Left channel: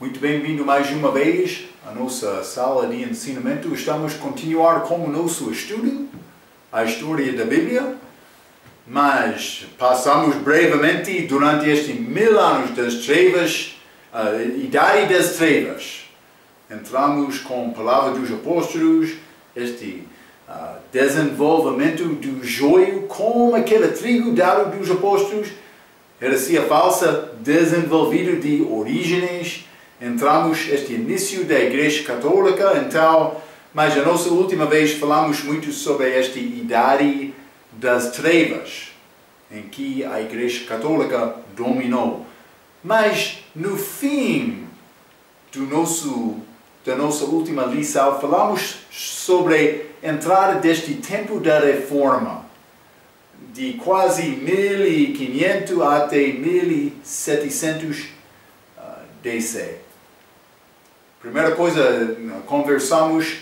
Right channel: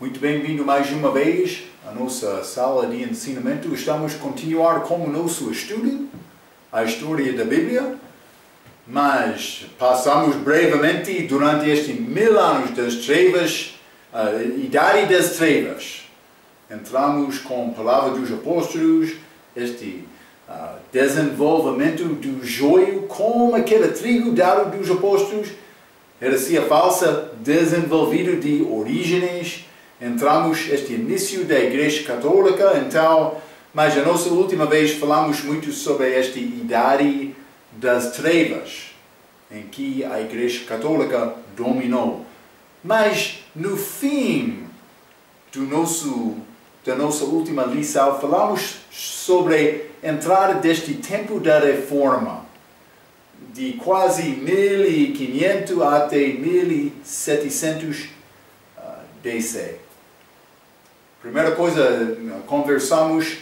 Muito bem-vindo mais uma vez à nossa sala de ensinamento. Estamos a continuar com o nosso estudo, a história da Bíblia, mas passamos brevemente durante estes 1000 anos das trevas, a idade das trevas. Entramos com a palavra dos apóstolos, este desenvolvimento do joio, como aquele trigo dado dos apóstolos, heresia falsa, desenvolvido de Orígenes. Entramos este início da Igreja Católica, então, mas a nossa última vez falamos muito sobre esta idade das trevas, em que a Igreja Católica dominou. Mas no fim da nossa última lição, falamos sobre a entrada deste tempo da Reforma, de quase 1500 até 1700 DC. Primeira coisa, conversamos,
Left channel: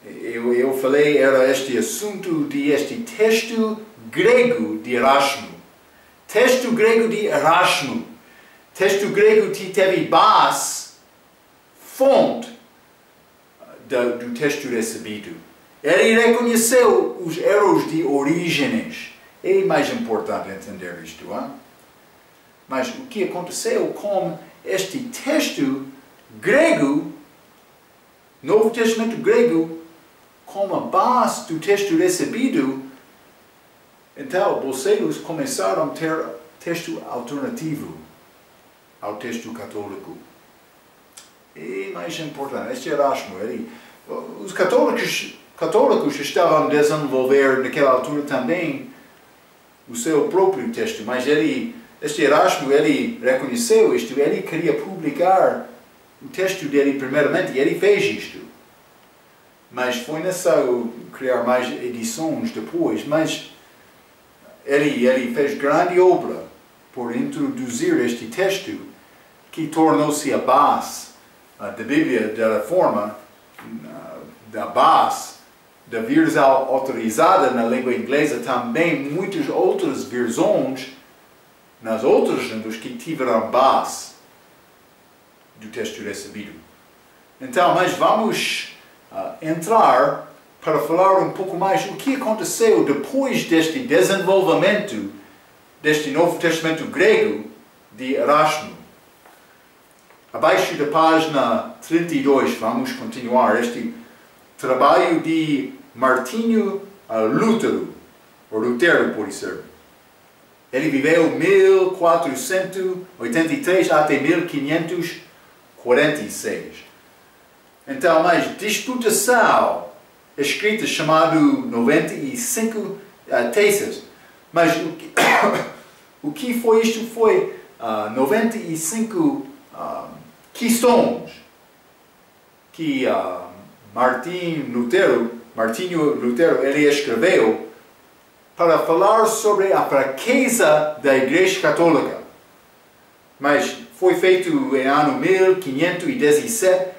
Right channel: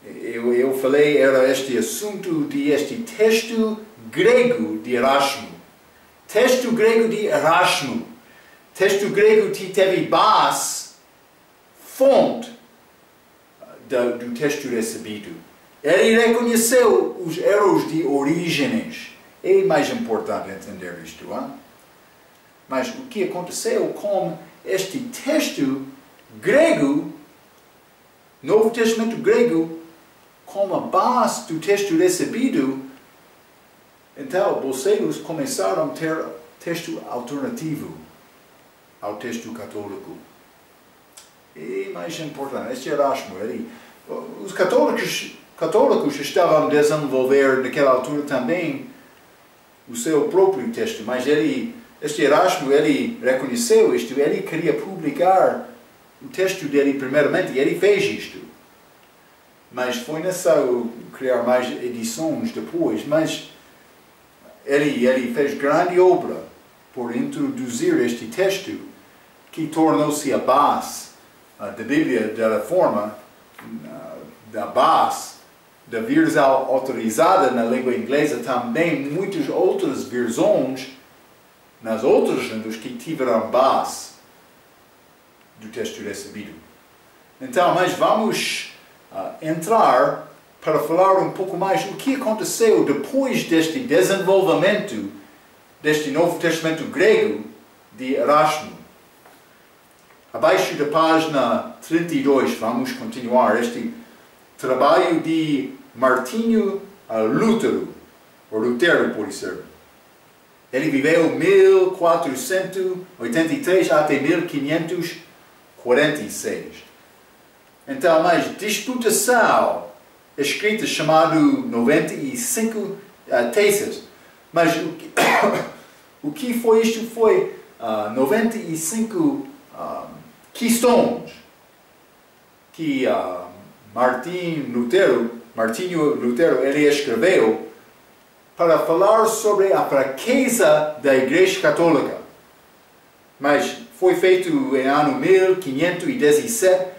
eu falei, era este assunto de este texto grego de Erasmo. Texto grego de Erasmo. Texto grego que teve base, fonte do texto recebido. Ele reconheceu os erros de Orígenes. É mais importante entender isto, hein? Mas o que aconteceu com este texto grego, Novo Testamento grego, como a base do texto recebido, então vocês começaram a ter texto alternativo ao texto católico. E mais importante, este Erasmo, os católicos estavam a desenvolver naquela altura também o seu próprio texto, mas este Erasmo, ele reconheceu isto, ele queria publicar o texto dele primeiramente, e ele fez isto. Mas foi necessário criar mais edições depois, mas ele fez grande obra por introduzir este texto, que tornou-se a base da Bíblia da Reforma, da base da versão autorizada na língua inglesa, também muitas outras versões nas outras línguas que tiveram base do texto recebido. Então, mas vamos entrar para falar um pouco mais o que aconteceu depois deste desenvolvimento deste Novo Testamento grego de Erasmo. Abaixo da página 32, vamos continuar este trabalho de Martinho Lutero, ou Lutero, pode ser. Ele viveu 1483 até 1546. Então, mais disputação escrita chamado 95 teses. Mas o que foi isto? Foi 95 questões que Martinho Lutero ele escreveu para falar sobre a fraqueza da Igreja Católica. Mas foi feito em ano 1517.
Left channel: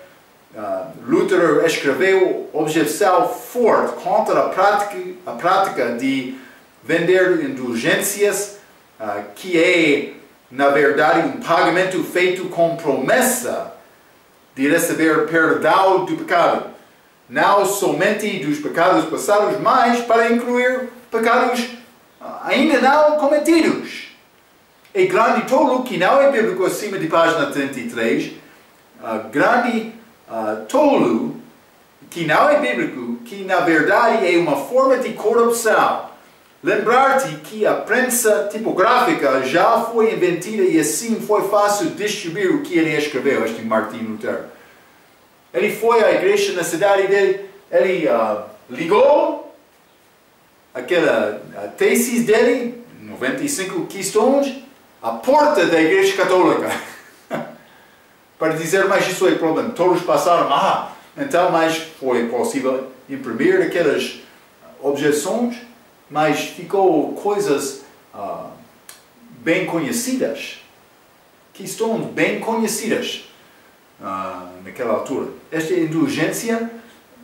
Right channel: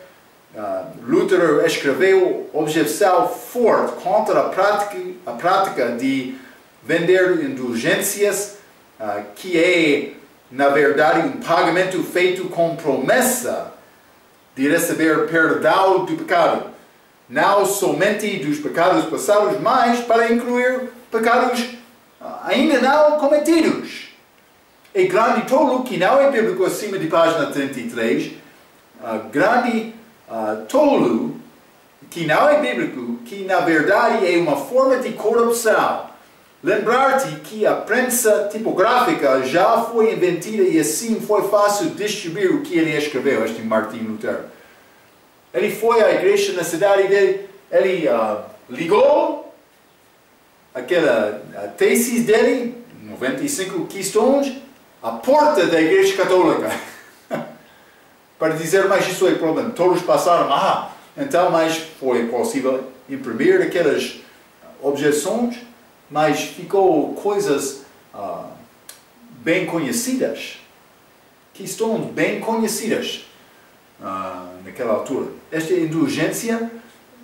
Lutero escreveu objeção forte contra a prática de vender indulgências, que é, na verdade, um pagamento feito com promessa de receber perdão do pecado. Não somente dos pecados passados, mas para incluir pecados ainda não cometidos. É grande tolo que não é bíblico, acima de página 33. Grande tolo que não é bíblico, que na verdade é uma forma de corrupção. Lembrar-te que a prensa tipográfica já foi inventada e assim foi fácil distribuir o que ele escreveu, este Martinho Lutero. Ele foi à igreja na cidade dele, ele ligou aquela tese dele, 95 questões, à porta da Igreja Católica. Para dizer, mas isso é problema. Todos passaram, então, mas foi possível imprimir aquelas objeções, mas ficou coisas bem conhecidas, questões bem conhecidas naquela altura. Esta indulgência,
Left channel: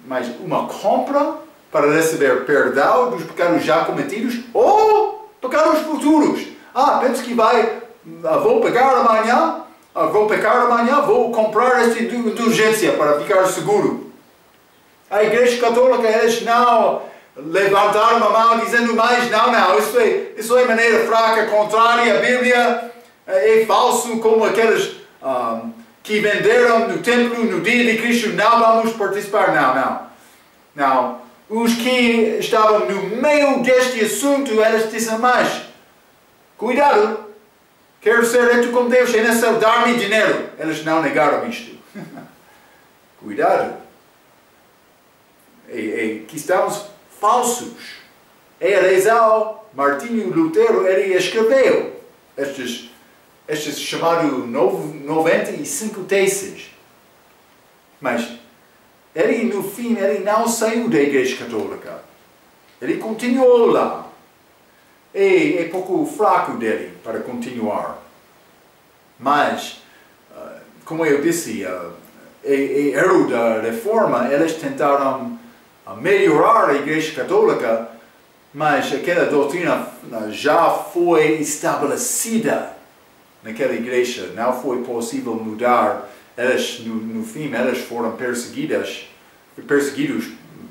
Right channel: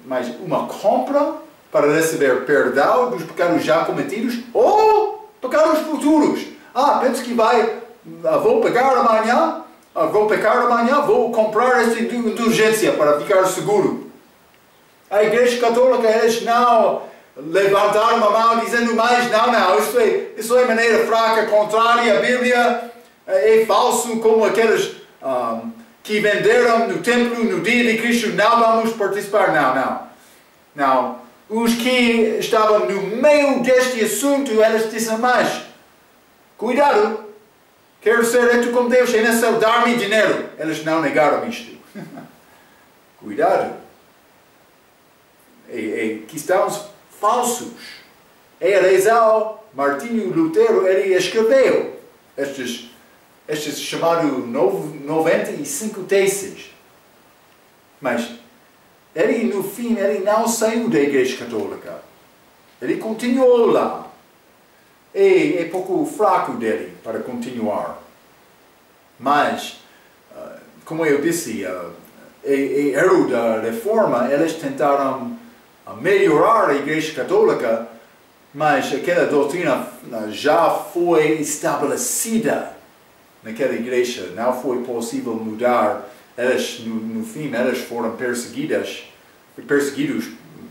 mas uma compra para receber perdão dos pecados já cometidos ou pecados futuros. Penso que vou pegar amanhã, vou pecar amanhã, vou comprar esta indulgência para ficar seguro. A Igreja Católica, eles não levantaram a mão dizendo mais, não, isso é maneira fraca, contrária à Bíblia, é falso, como aqueles que venderam no templo no dia de Cristo, não vamos participar, não. Os que estavam no meio deste assunto, eles disseram, mas, cuidado, quero ser reto com Deus, é necessário dar-me dinheiro. Eles não negaram isto. Cuidado. Cristãos falsos. Martinho Lutero, ele escreveu estes chamados 95 teses. Mas ele, no fim, ele não saiu da Igreja Católica. Ele continuou lá. É pouco fraco dele para continuar. Mas, como eu disse, erro da reforma, eles tentaram melhorar a Igreja Católica, mas aquela doutrina já foi estabelecida naquela igreja, não foi possível mudar. Eles, no fim, eles foram perseguidos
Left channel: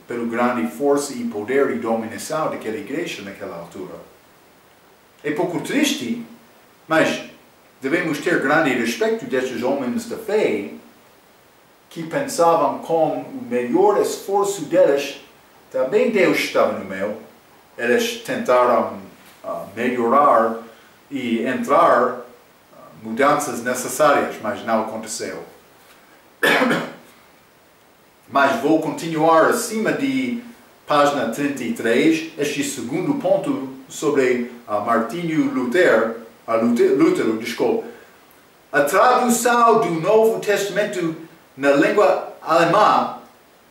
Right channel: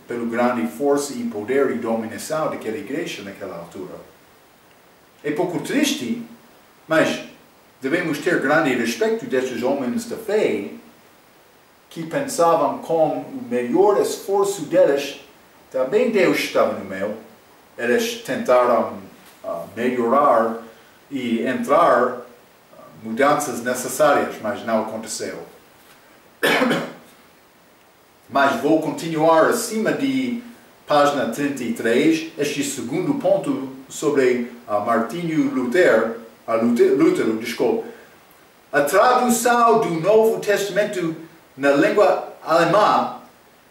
pela grande força e poder e dominação daquela igreja naquela altura. É pouco triste, mas devemos ter grande respeito destes homens da fé que pensavam com o melhor esforço deles, também Deus estava no meio. Eles tentaram melhorar e entrar mudanças necessárias, mas não aconteceu. Mas vou continuar acima de página 33, este segundo ponto sobre Martinho Lutero, a tradução do Novo Testamento na língua alemã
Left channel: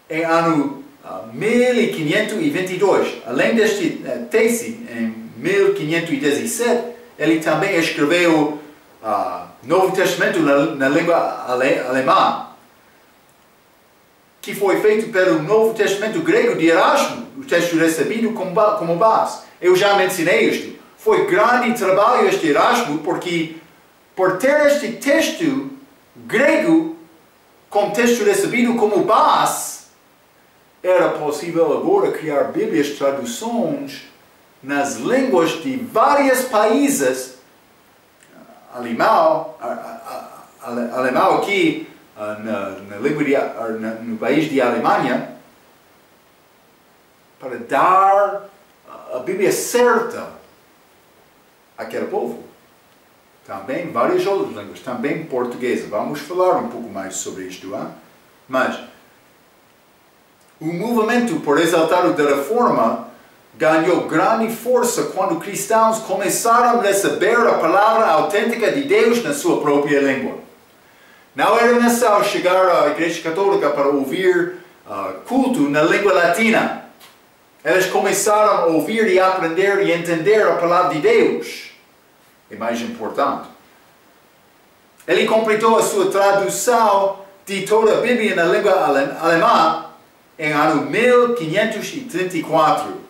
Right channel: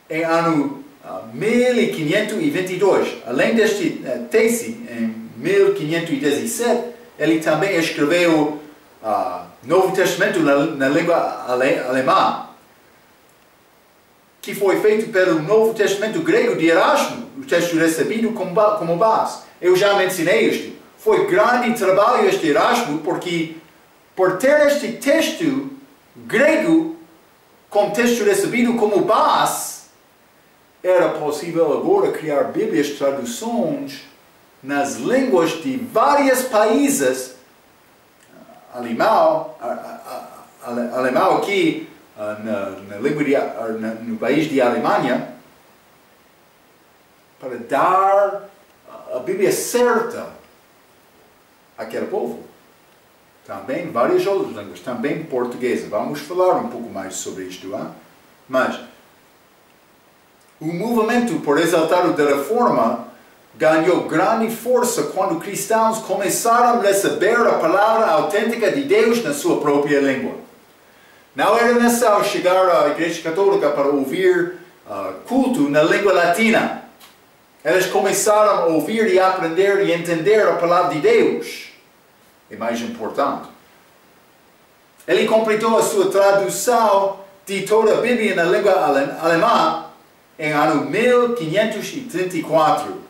em ano 1522. Além deste tese, em 1517, ele também escreveu Novo Testamento na língua alemã, que foi feito pelo Novo Testamento grego de Erasmo, o texto recebido como base. Eu já mencionei isto. Foi grande trabalho este Erasmo, porque por ter este texto grego com texto recebido como base, era possível agora criar Bíblias, traduções nas línguas de vários países, alemão aqui no país de Alemanha, para dar a Bíblia certa àquele povo. Também várias outras línguas, também portuguesa. Vamos falar um pouco mais sobre isto, hein? Mas o movimento por exaltar a reforma ganhou grande força quando cristãos começaram a receber a palavra autêntica de Deus na sua própria língua. Não era necessário chegar à Igreja Católica para ouvir culto na língua latina. Eles começaram a ouvir e aprender e entender a palavra de Deus. É mais importante. Ele completou a sua tradução de toda a Bíblia na língua alemã em ano 1534.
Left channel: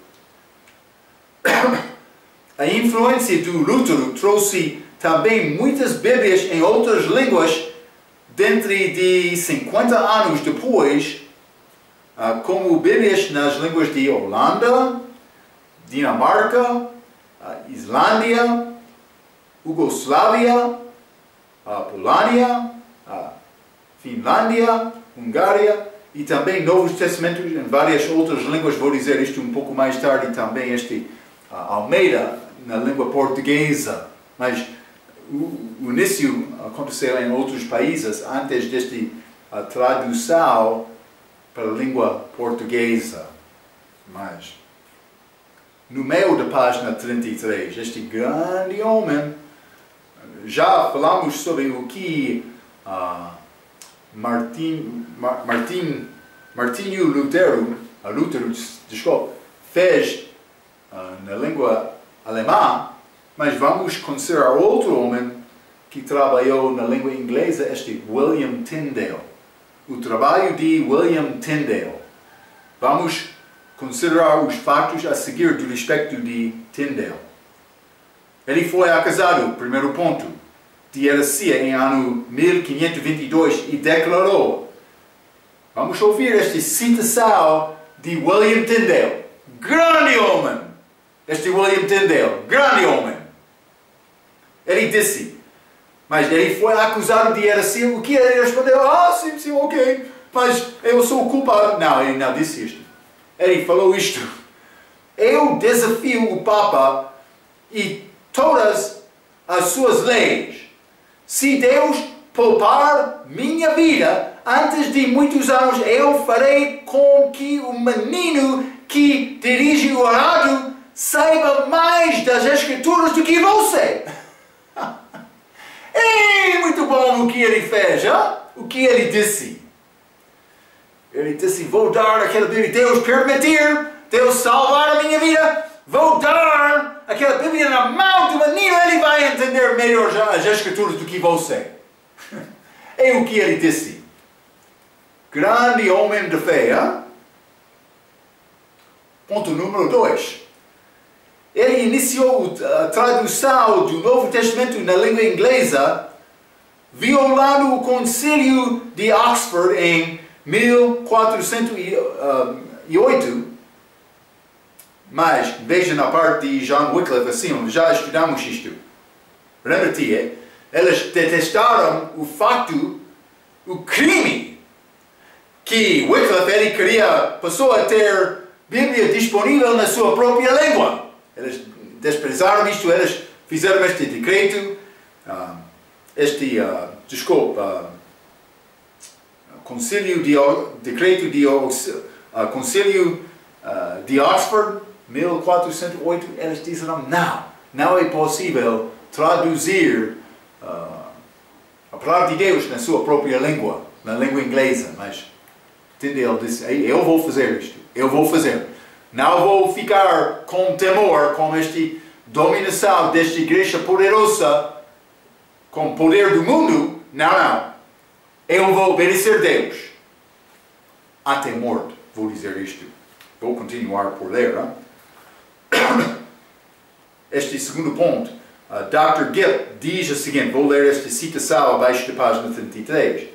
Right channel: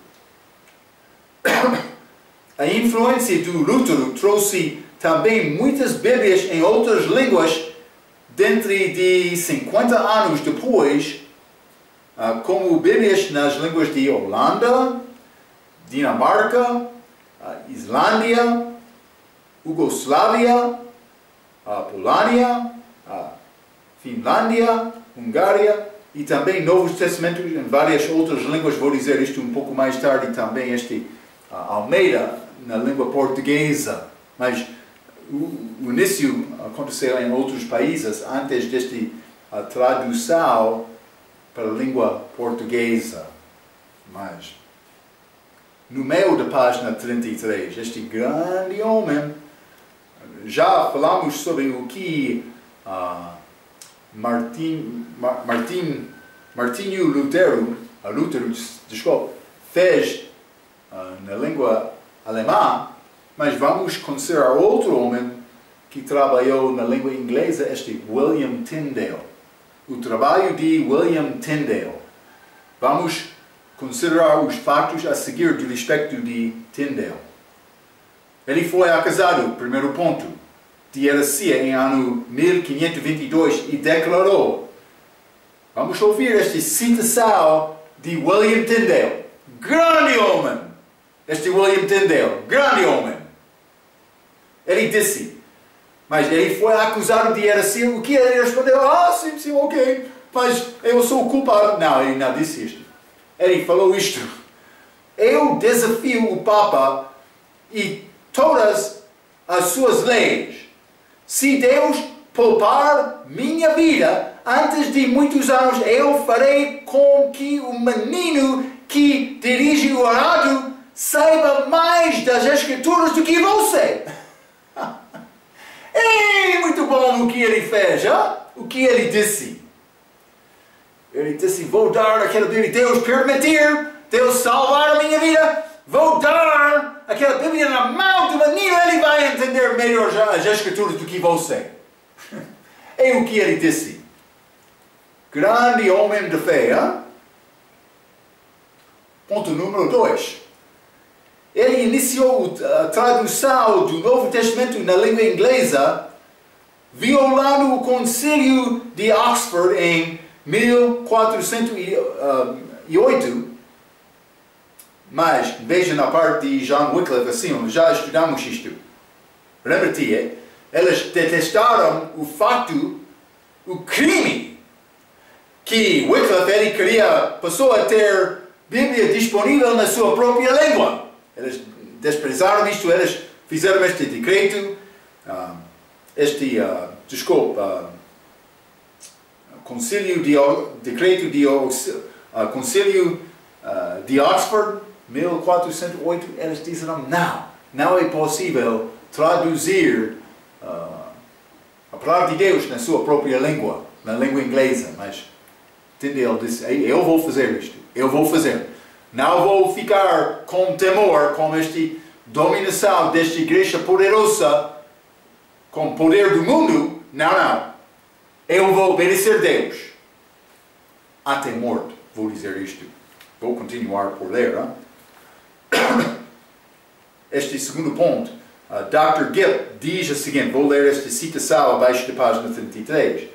A influência do Lutero trouxe também muitas Bíblias em outras línguas dentro de 50 anos depois, como Bíblias nas línguas de Holanda, Dinamarca, Islândia, Iugoslávia, Polônia, Finlândia, Hungária e também Novos Testamentos em várias outras línguas. Vou dizer isto um pouco mais tarde também, Almeida na língua portuguesa. Mas o início aconteceu em outros países antes desta tradução para a língua portuguesa. Mas no meio da página 33, este grande homem, já falamos sobre o que Martinho Lutero fez na língua alemã, mas vamos considerar outro homem que trabalhou na língua inglesa, este William Tyndale. O trabalho de William Tyndale. Vamos considerar os fatos a seguir do respeito de Tyndale. Ele foi acusado, primeiro ponto, de heresia em ano 1522 e declarou. Vamos ouvir esta citação de William Tyndale. Grande homem! Este William Tyndale, grande homem. Ele disse, mas ele foi acusado de heresia. O que ele respondeu? Ah, sim, sim, ok. Mas eu sou o culpado. Não, ele não disse isto. Ele falou isto. Eu desafio o Papa e todas as suas leis. Se Deus poupar minha vida, antes de muitos anos, eu farei com que o menino que dirige o rádio saiba mais das Escrituras do que você. E muito bom o que ele fez, hein? O que ele disse. Ele disse, vou dar aquela Bíblia, Deus permitir, Deus salvar a minha vida, vou dar aquela Bíblia na mão do menino, ele vai entender melhor as Escrituras do que você. É o que ele disse. Grande homem de fé, hein? Ponto número 2. Ele iniciou a tradução do Novo Testamento na língua inglesa, violando o Concílio de Oxford em 1408. Mas, veja na parte de John Wycliffe, assim, já estudamos isto. Lembra-te, eles detestaram o facto, o crime, que Wycliffe ele passou a ter Bíblia disponível na sua própria língua. Eles desprezaram isto, eles fizeram este decreto, decreto de Concílio de Oxford, 1408, eles disseram, não é possível traduzir a palavra de Deus na sua própria língua, na língua inglesa, mas Tyndale disse, eu vou fazer isto, eu vou fazer. Não vou ficar com temor, com esta dominação desta igreja poderosa, com o poder do mundo. Não. Eu vou obedecer a Deus. Até morte, vou dizer isto. Vou continuar por ler. Este segundo ponto. Dr. Gipp diz o seguinte, vou ler esta citação abaixo da página 33.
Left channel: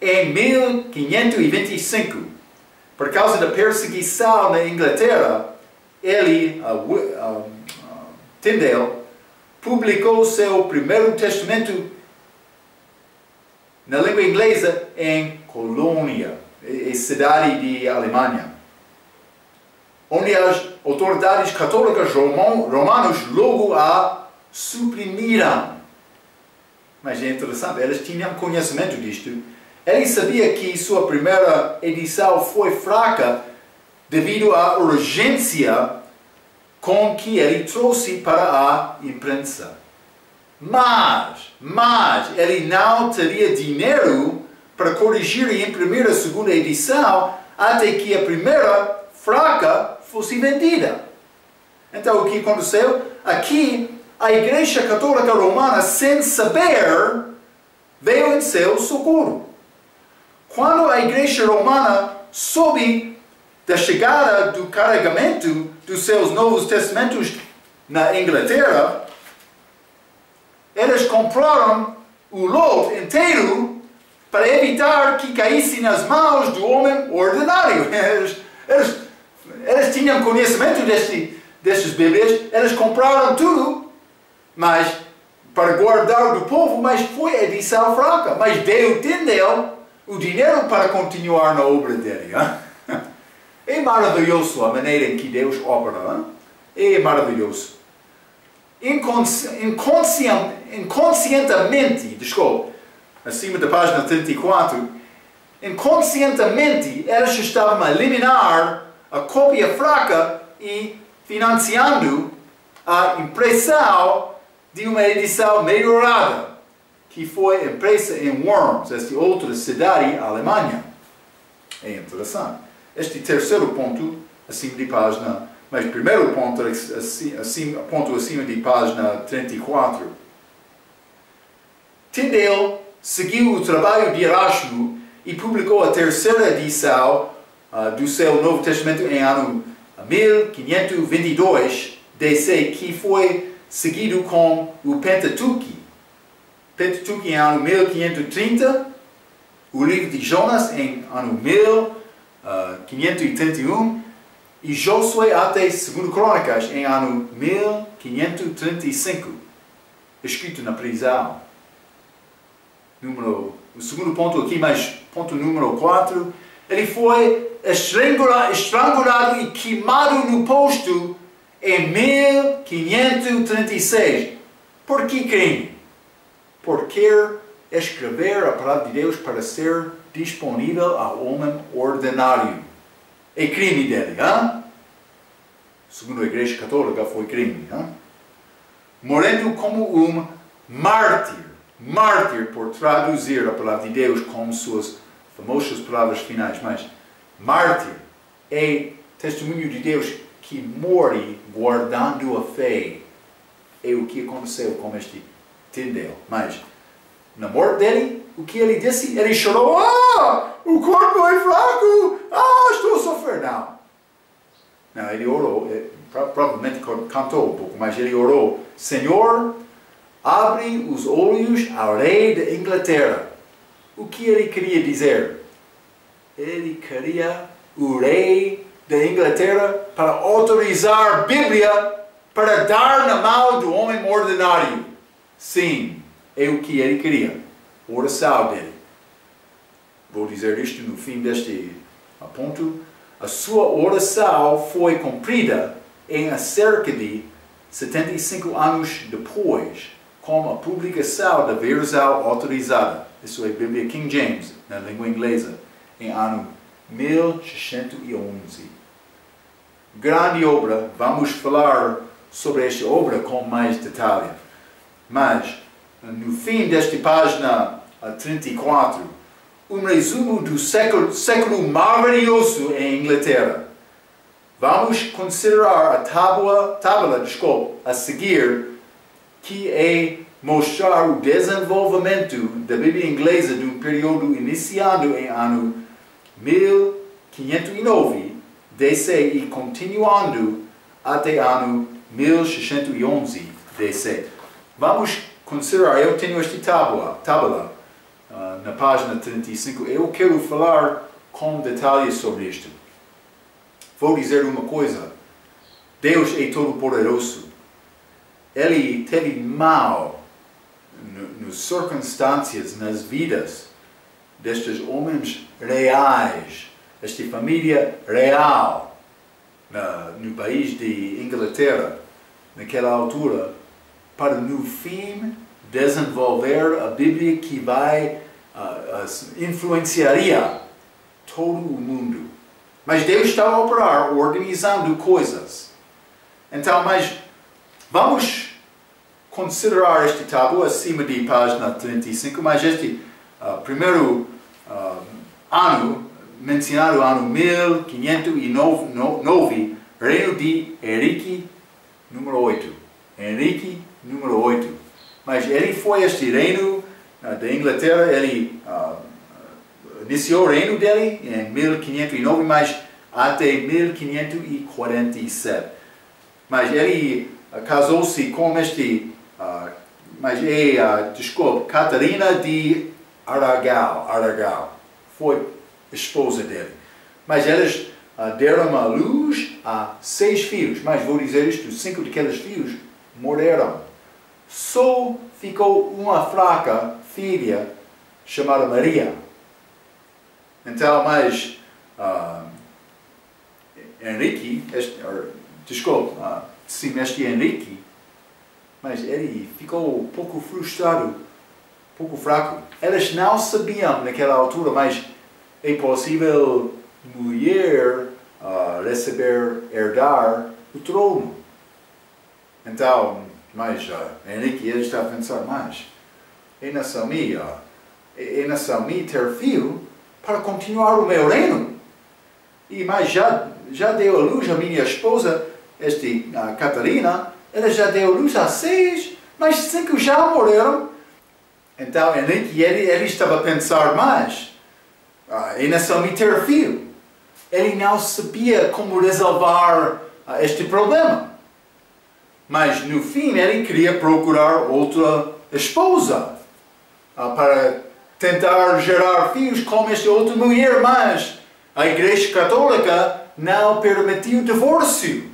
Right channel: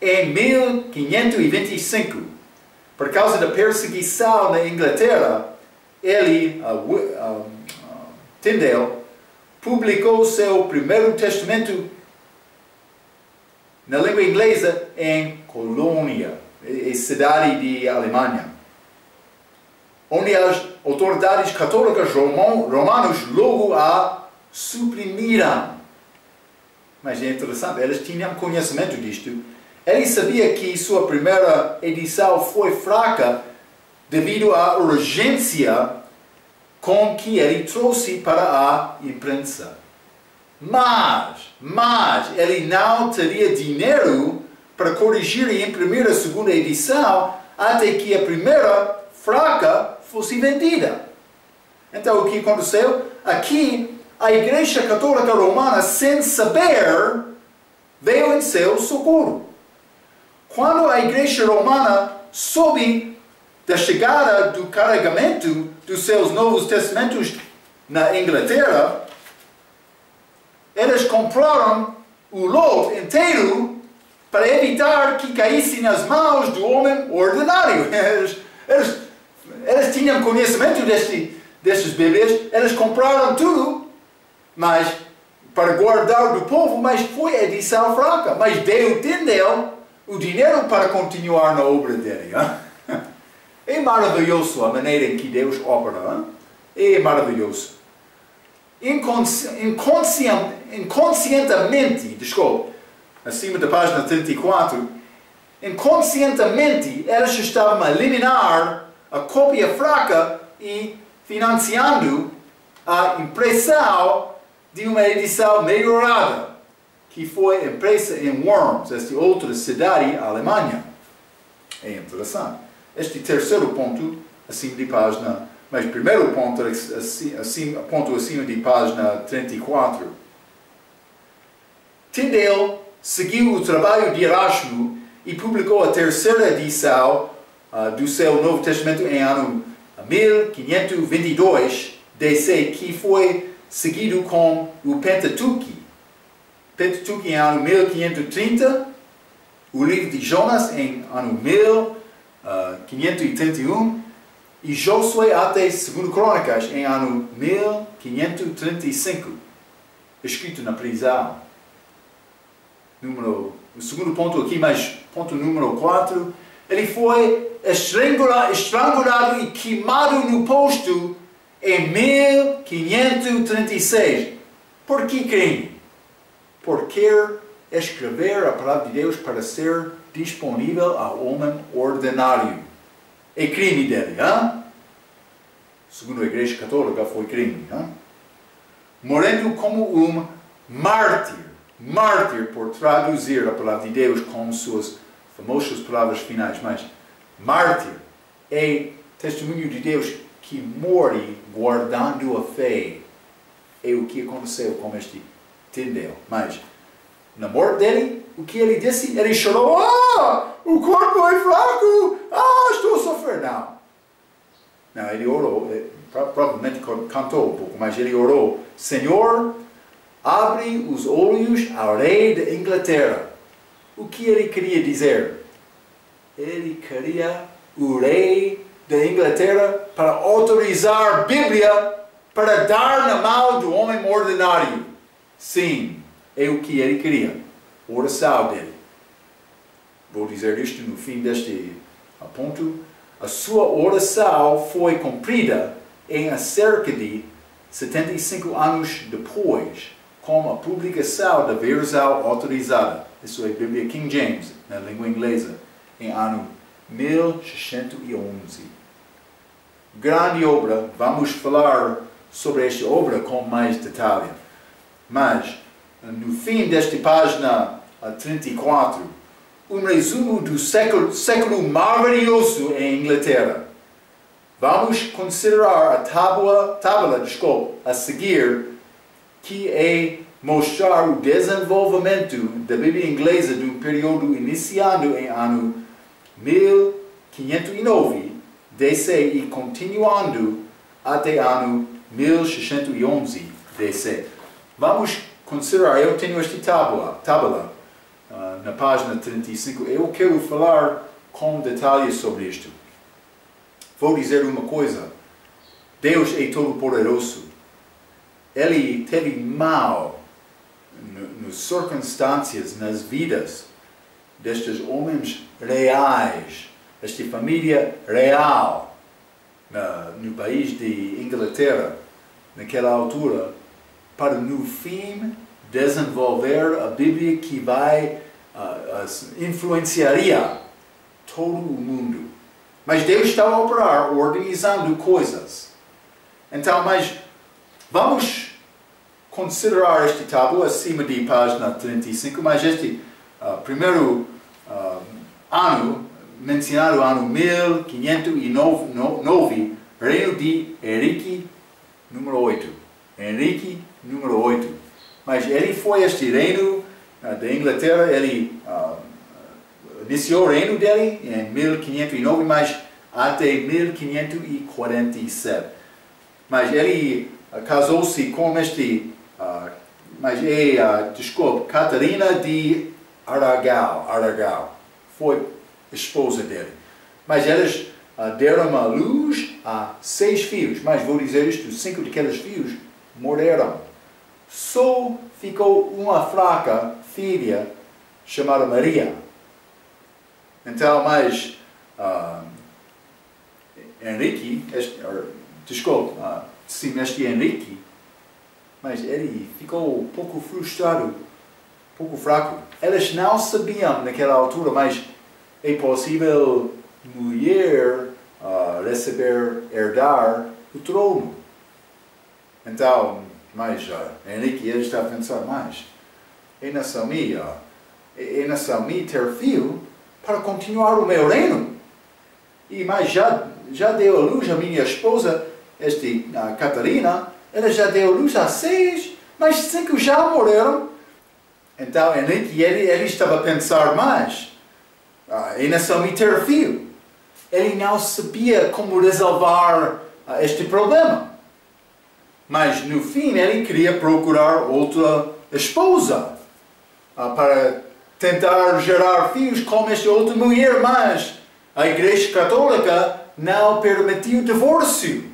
Em 1525, por causa da perseguição na Inglaterra, Tyndale, publicou seu primeiro testamento na língua inglesa em Colônia, a cidade de Alemanha, onde as autoridades católicas romanas logo a suprimiram. Mas é interessante, eles tinham conhecimento disto. Ele sabia que sua primeira edição foi fraca devido à urgência com que ele trouxe para a imprensa. Mas ele não teria dinheiro para corrigir e imprimir a segunda edição até que a primeira fraca fosse vendida. Então o que aconteceu? Aqui a Igreja Católica Romana, sem saber, veio em seu socorro. Quando a Igreja Romana soube da chegada do carregamento dos seus Novos Testamentos na Inglaterra, eles compraram o lote inteiro para evitar que caísse nas mãos do homem ordinário. Eles tinham conhecimento destas Bíblias, eles compraram tudo, mas para guardar do povo, mas foi a edição fraca. Mas deu Tyndale o dinheiro para continuar na obra dele. É maravilhoso a maneira em que Deus opera. É maravilhoso. Inconscientemente, acima da página 34, inconscientemente eles estavam a eliminar a cópia fraca e financiando a impressão de uma edição melhorada, que foi impressa em Worms, esta outra cidade alemã. É interessante. Este terceiro ponto, acima de página, mas primeiro ponto, acima de página 34. Tyndale seguiu o trabalho de Erasmo e publicou a terceira edição do seu Novo Testamento em ano 1522 DC, que foi seguido com o Pentateuco. Pentateuco em ano 1530, o livro de Jonas em ano 1531 e Josué até 2 Crônicas em ano 1535, escrito na prisão. O segundo ponto aqui, mas ponto número 4, ele foi estrangulado e queimado no posto em 1536. Por que crime? Por querer escrever a palavra de Deus para ser disponível ao homem ordinário. É crime dele, hein? Segundo a Igreja Católica foi crime, hein? Morrendo como um mártir. Mártir por traduzir a palavra de Deus com suas famosas palavras finais, mas mártir é testemunho de Deus que morre guardando a fé. É o que aconteceu com este Tyndale. Mas na morte dele, o que ele disse? Ele chorou. O corpo é fraco. Estou a sofrer. Não, ele orou. Provavelmente cantou um pouco, mas ele orou. Senhor, abre os olhos ao rei da Inglaterra. O que ele queria dizer? Ele queria o rei da Inglaterra para autorizar a Bíblia para dar na mão do homem ordinário. Sim, é o que ele queria. Oração dele. Vou dizer isto no fim deste ponto. A sua oração foi cumprida em cerca de 75 anos depois, com a publicação da versão autorizada. Isso é a Bíblia King James, na língua inglesa, em ano 1611. Grande obra, vamos falar sobre esta obra com mais detalhe. Mas, no fim desta página 34, um resumo do século maravilhoso em Inglaterra. Vamos considerar a tábua a seguir, que é mostrar o desenvolvimento da Bíblia inglesa de um período iniciado em ano 1509 DC e continuando até ano 1611 DC. Vamos considerar, eu tenho esta tábua na página 35, eu quero falar com detalhes sobre isto. Vou dizer uma coisa, Deus é todo-poderoso. Ele teve mal nas circunstâncias, nas vidas destes homens reais, esta família real, no país de Inglaterra, naquela altura, para no fim desenvolver a Bíblia que vai influenciaria todo o mundo. Mas Deus está a operar, organizando coisas. Então, mas vamos considerar este tábua acima de página 35, mas este primeiro ano, mencionado ano 1509, reino de Henrique número 8. Henrique número 8. Mas ele foi este reino da Inglaterra, ele iniciou o reino dele em 1509, mas até 1547. Mas ele casou-se com Catarina de Aragão. Foi esposa dele. Mas eles deram à luz a 6 filhos. Mas vou dizer isto, 5 daqueles filhos morreram. Só ficou uma fraca filha chamada Maria. Então, mas Henrique, este Henrique, mas ele ficou um pouco frustrado, um pouco fraco. Eles não sabiam naquela altura, mas é possível mulher herdar o trono. Então, mas Henrique ele está a pensar, mas é nação minha ter filho para continuar o meu reino. E mas já deu a luz a minha esposa, Catarina, ela já deu a luz a 6, mas 5 já morreram. Então Henrique ele estava a pensar, mas é nação minha ter filho. Ele não sabia como resolver este problema. Mas no fim ele queria procurar outra esposa. para tentar gerar filhos com esta outra mulher, mas a Igreja Católica não permitiu divórcio.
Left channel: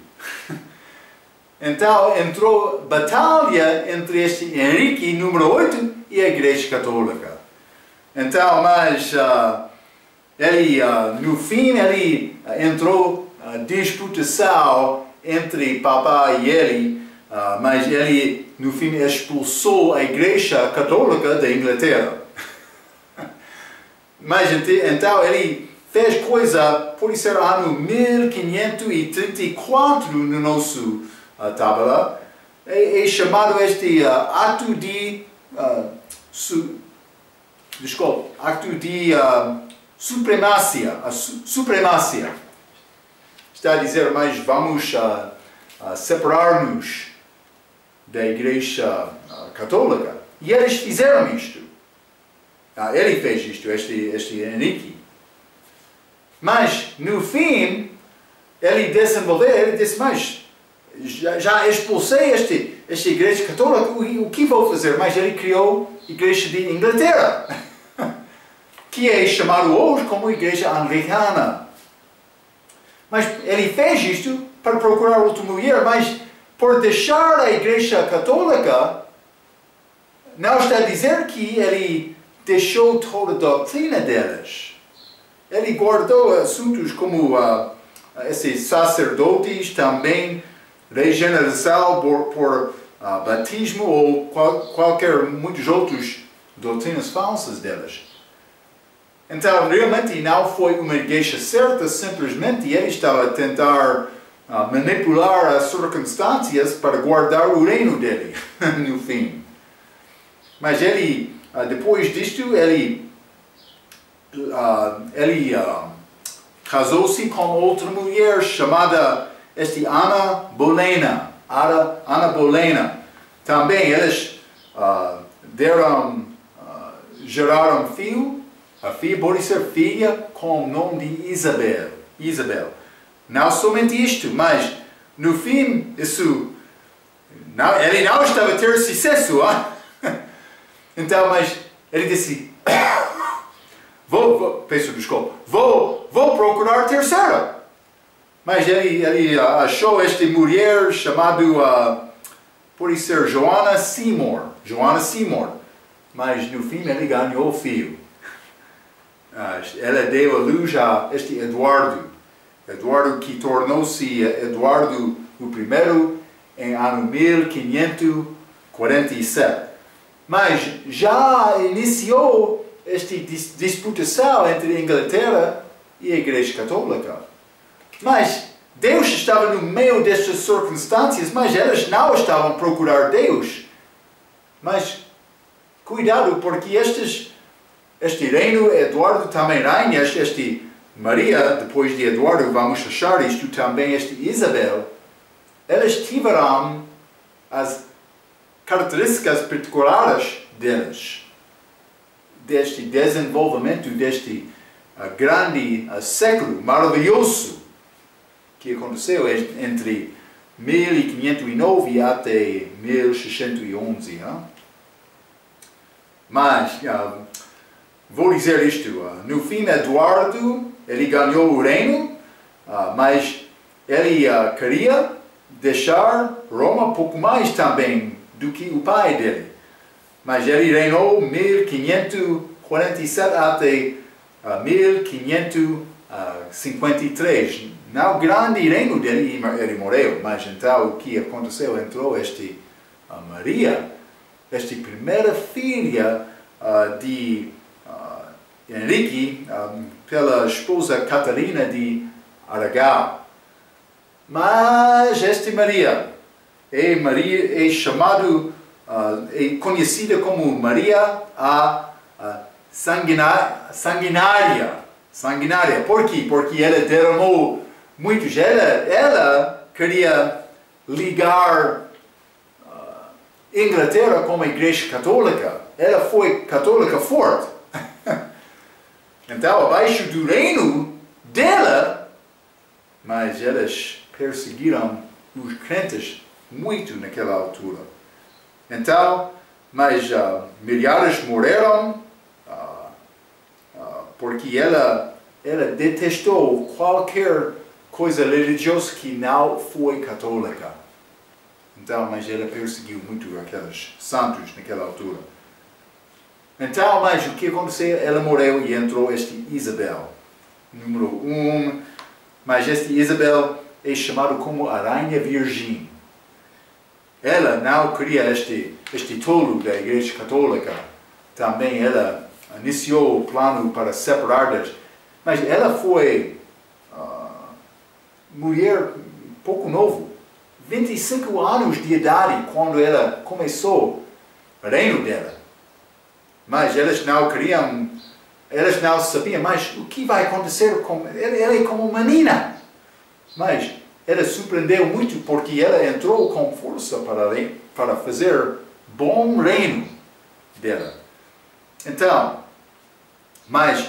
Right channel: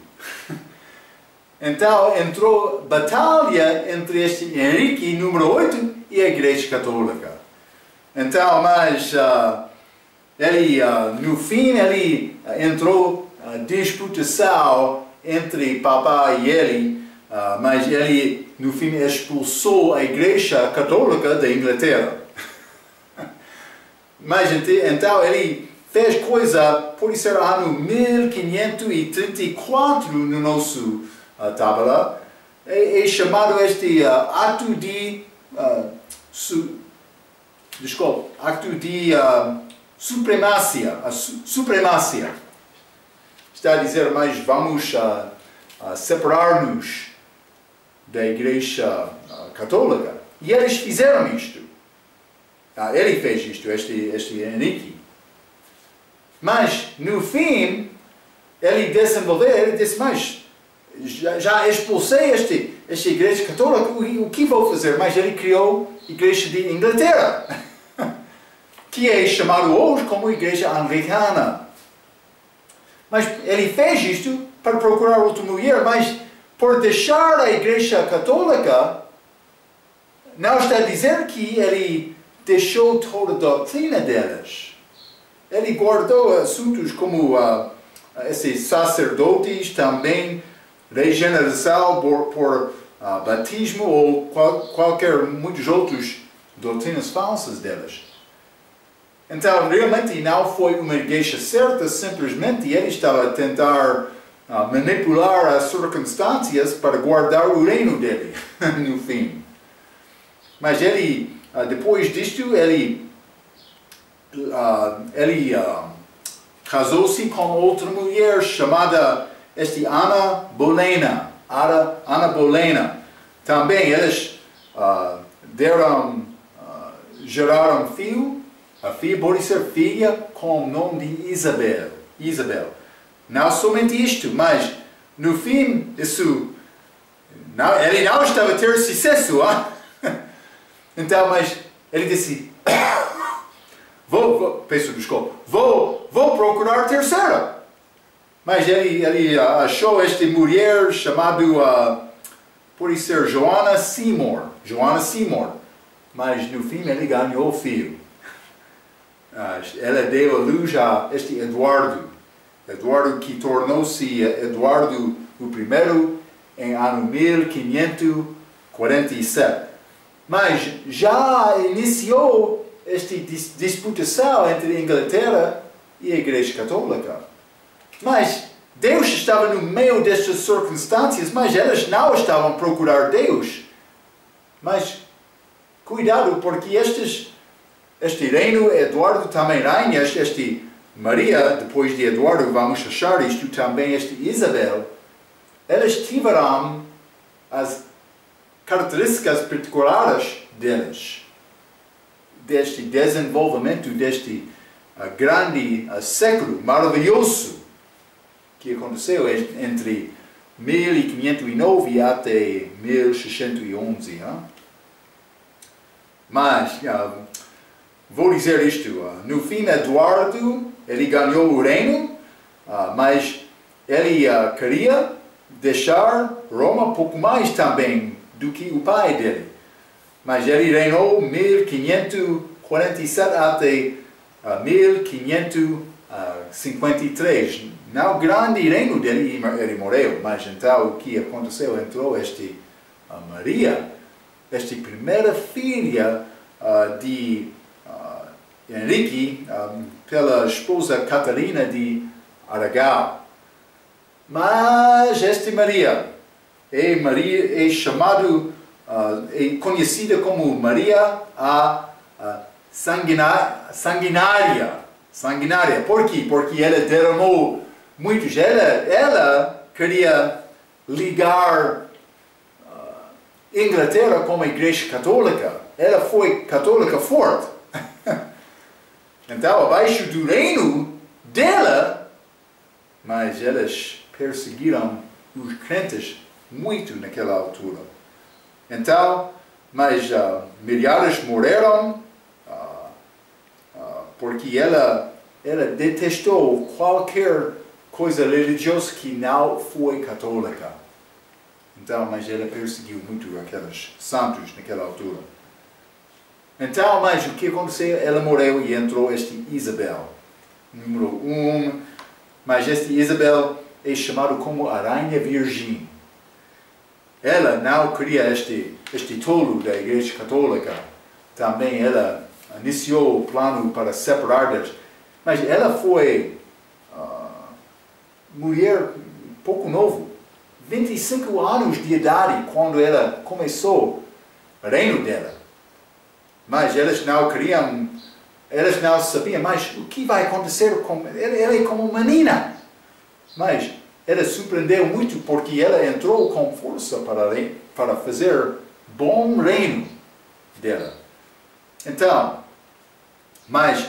Então entrou batalha entre este Henrique número 8 e a Igreja Católica. Então, mas ele, no fim, ele entrou disputação entre papai e ele, mas ele, no fim, expulsou a Igreja Católica da Inglaterra. Mas então ele fez coisa, pode ser ano 1534 no nosso tábua, é chamado este ato de ato de supremacia, supremacia. Está a dizer, mas vamos separar-nos da Igreja Católica. E eles fizeram isto. Ele fez isto, este Henrique. Mas, no fim, ele disse, mas já expulsei esta Igreja Católica, o que vou fazer? Mas ele criou a Igreja de Inglaterra, que é chamado hoje como Igreja Anglicana. Mas ele fez isto para procurar outra mulher, mas por deixar a Igreja Católica, não está a dizer que ele deixou toda a doutrina delas. Ele guardou assuntos como esses sacerdotes, também regeneração por batismo ou muitos outros doutrinas falsas delas. Então, realmente não foi uma igreja certa, simplesmente ele estava a tentar manipular as circunstâncias para guardar o reino dele, no fim. Mas ele, depois disto, ele casou-se com outra mulher chamada Ana Bolena. Ana Bolena. Também eles geraram filho. A filha pode ser filha com o nome de Isabel. Não somente isto, mas no fim, ele não estava a ter sucesso. Então, mas ele disse, peço desculpa, vou procurar terceira. Mas ele achou esta mulher chamada, pode ser Joanna Seymour. Mas no fim ele ganhou o filho. Ela deu a luz a este Eduardo. Eduardo que tornou-se Eduardo o I em ano 1547. Mas já iniciou esta disputação entre a Inglaterra e a Igreja Católica. Mas Deus estava no meio destas circunstâncias, mas elas não estavam a procurar Deus. Mas cuidado, porque este reino, Eduardo também reina, este Maria, depois de Eduardo, vamos achar isto também, este Isabel, elas tiveram as características particulares deles, deste desenvolvimento, deste grande século maravilhoso que aconteceu entre 1509 até 1611. Mas vou dizer isto, no fim Eduardo, ele ganhou o reino, mas ele queria deixar Roma pouco mais também do que o pai dele. Mas ele reinou 1547 até 1553. No grande reino dele, ele morreu, mas então o que aconteceu? Entrou Maria, esta primeira filha de Henrique, pela esposa Catarina de Aragão. Mas esta Maria é chamada, é conhecida como Maria sanguinária. Por quê? Porque ela derramou muitos. Ela queria ligar Inglaterra com a Igreja Católica. Ela foi católica forte. Então, abaixo do reino dela, mas elas perseguiram os crentes muito naquela altura. Então, mas milhares morreram porque ela detestou qualquer coisa religiosa que não foi católica. Então, mas ela perseguiu muito aqueles santos naquela altura. Então, mas o que aconteceu? Ela morreu e entrou Isabel, número 1. Mas Isabel é chamado como a Rainha Virgem. Ela não queria este tolo da Igreja Católica. Também ela iniciou o plano para separar deles. Mas ela foi mulher pouco novo, 25 anos de idade, quando ela começou o reino dela. Mas elas não queriam, elas não sabiam mais o que vai acontecer com ela. Ela é como uma menina. Mas ela surpreendeu muito porque ela entrou com força para fazer bom reino dela. Então, mas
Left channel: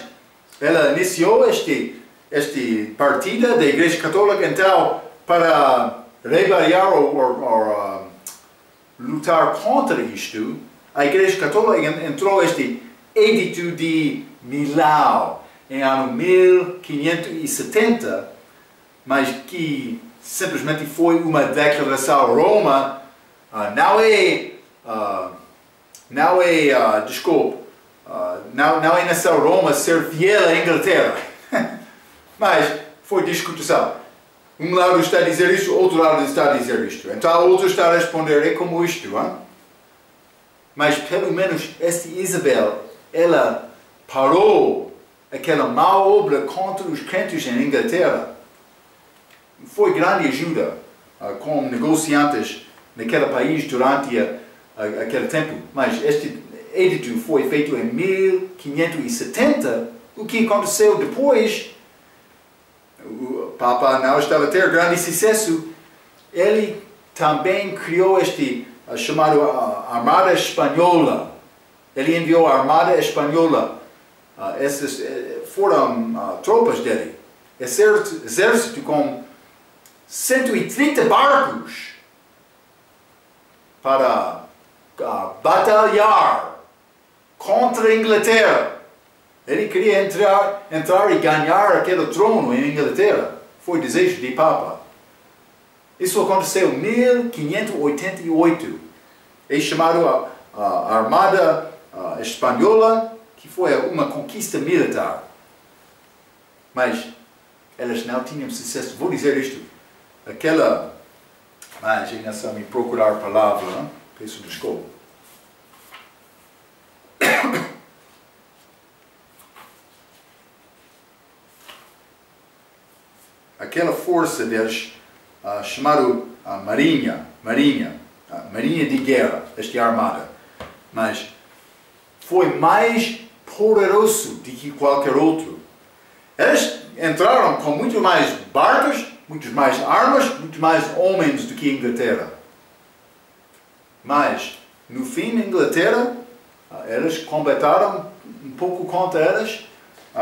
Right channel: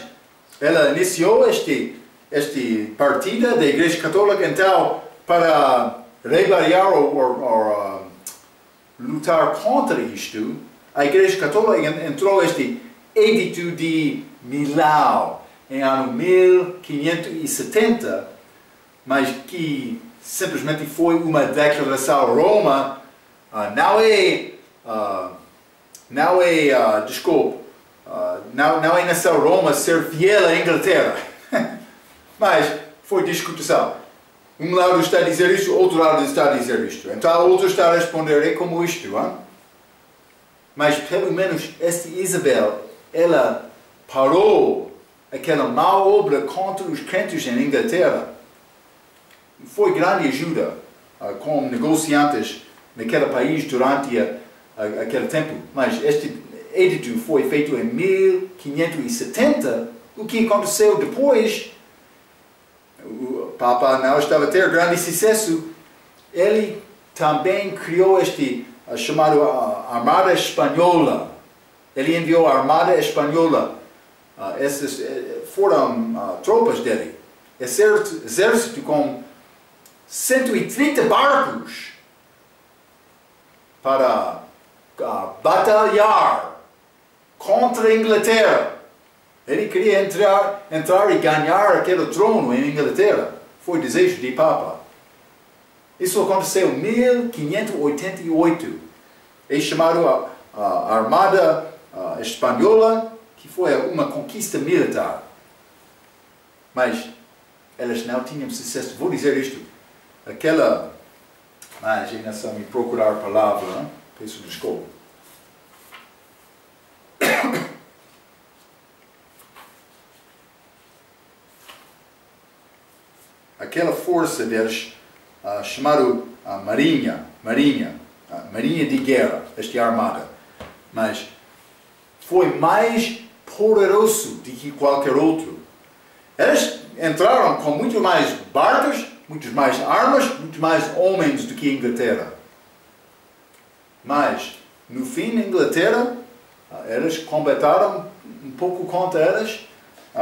ela iniciou este partida da Igreja Católica, então, para rebeliar ou lutar contra isto, a Igreja Católica entrou este Edito de Milão em ano 1570, mas que simplesmente foi uma declaração. Roma não é nação Roma ser fiel à Inglaterra. Mas foi discussão. Um lado está a dizer isto, outro lado está a dizer isto. Então o outro está a responder, é como isto. Hein? Mas pelo menos esta Isabel, ela parou aquela má obra contra os crentes em Inglaterra. Foi grande ajuda como negociantes naquele país durante aquele tempo. Mas este edito foi feito em 1570. O que aconteceu depois? O Papa não estava a ter grande sucesso. Ele também criou chamado Armada Espanhola. Ele enviou a Armada Espanhola. Essas foram tropas dele. Exército com 130 barcos para batalhar contra a Inglaterra. Ele queria entrar e ganhar aquele trono em Inglaterra. Foi desejo de Papa. Isso aconteceu em 1588. É chamado a Armada Espanhola, que foi uma conquista militar. Mas elas não tinham sucesso. Vou dizer isto. Mas ainda só me procurar a palavra. Hein? Peço desculpa. Aquela força deles, chamado Marinha de Guerra, esta armada, mas foi mais poderoso do que qualquer outro. Eles entraram com muito mais barcos, muito mais armas, muito mais homens do que a Inglaterra. Mas, no fim, a Inglaterra, eles combataram um pouco contra eles,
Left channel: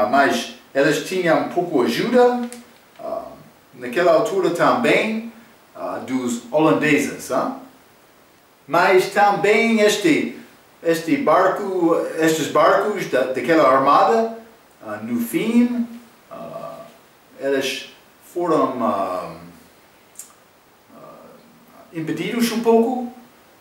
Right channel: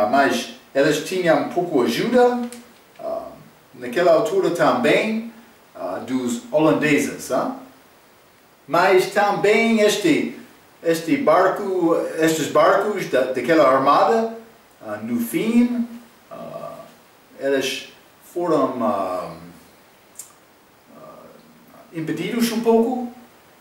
mas eles tinham um pouco de ajuda, naquela altura também, dos holandeses. Mas também estes barcos daquela armada, no fim, eles foram impedidos um pouco.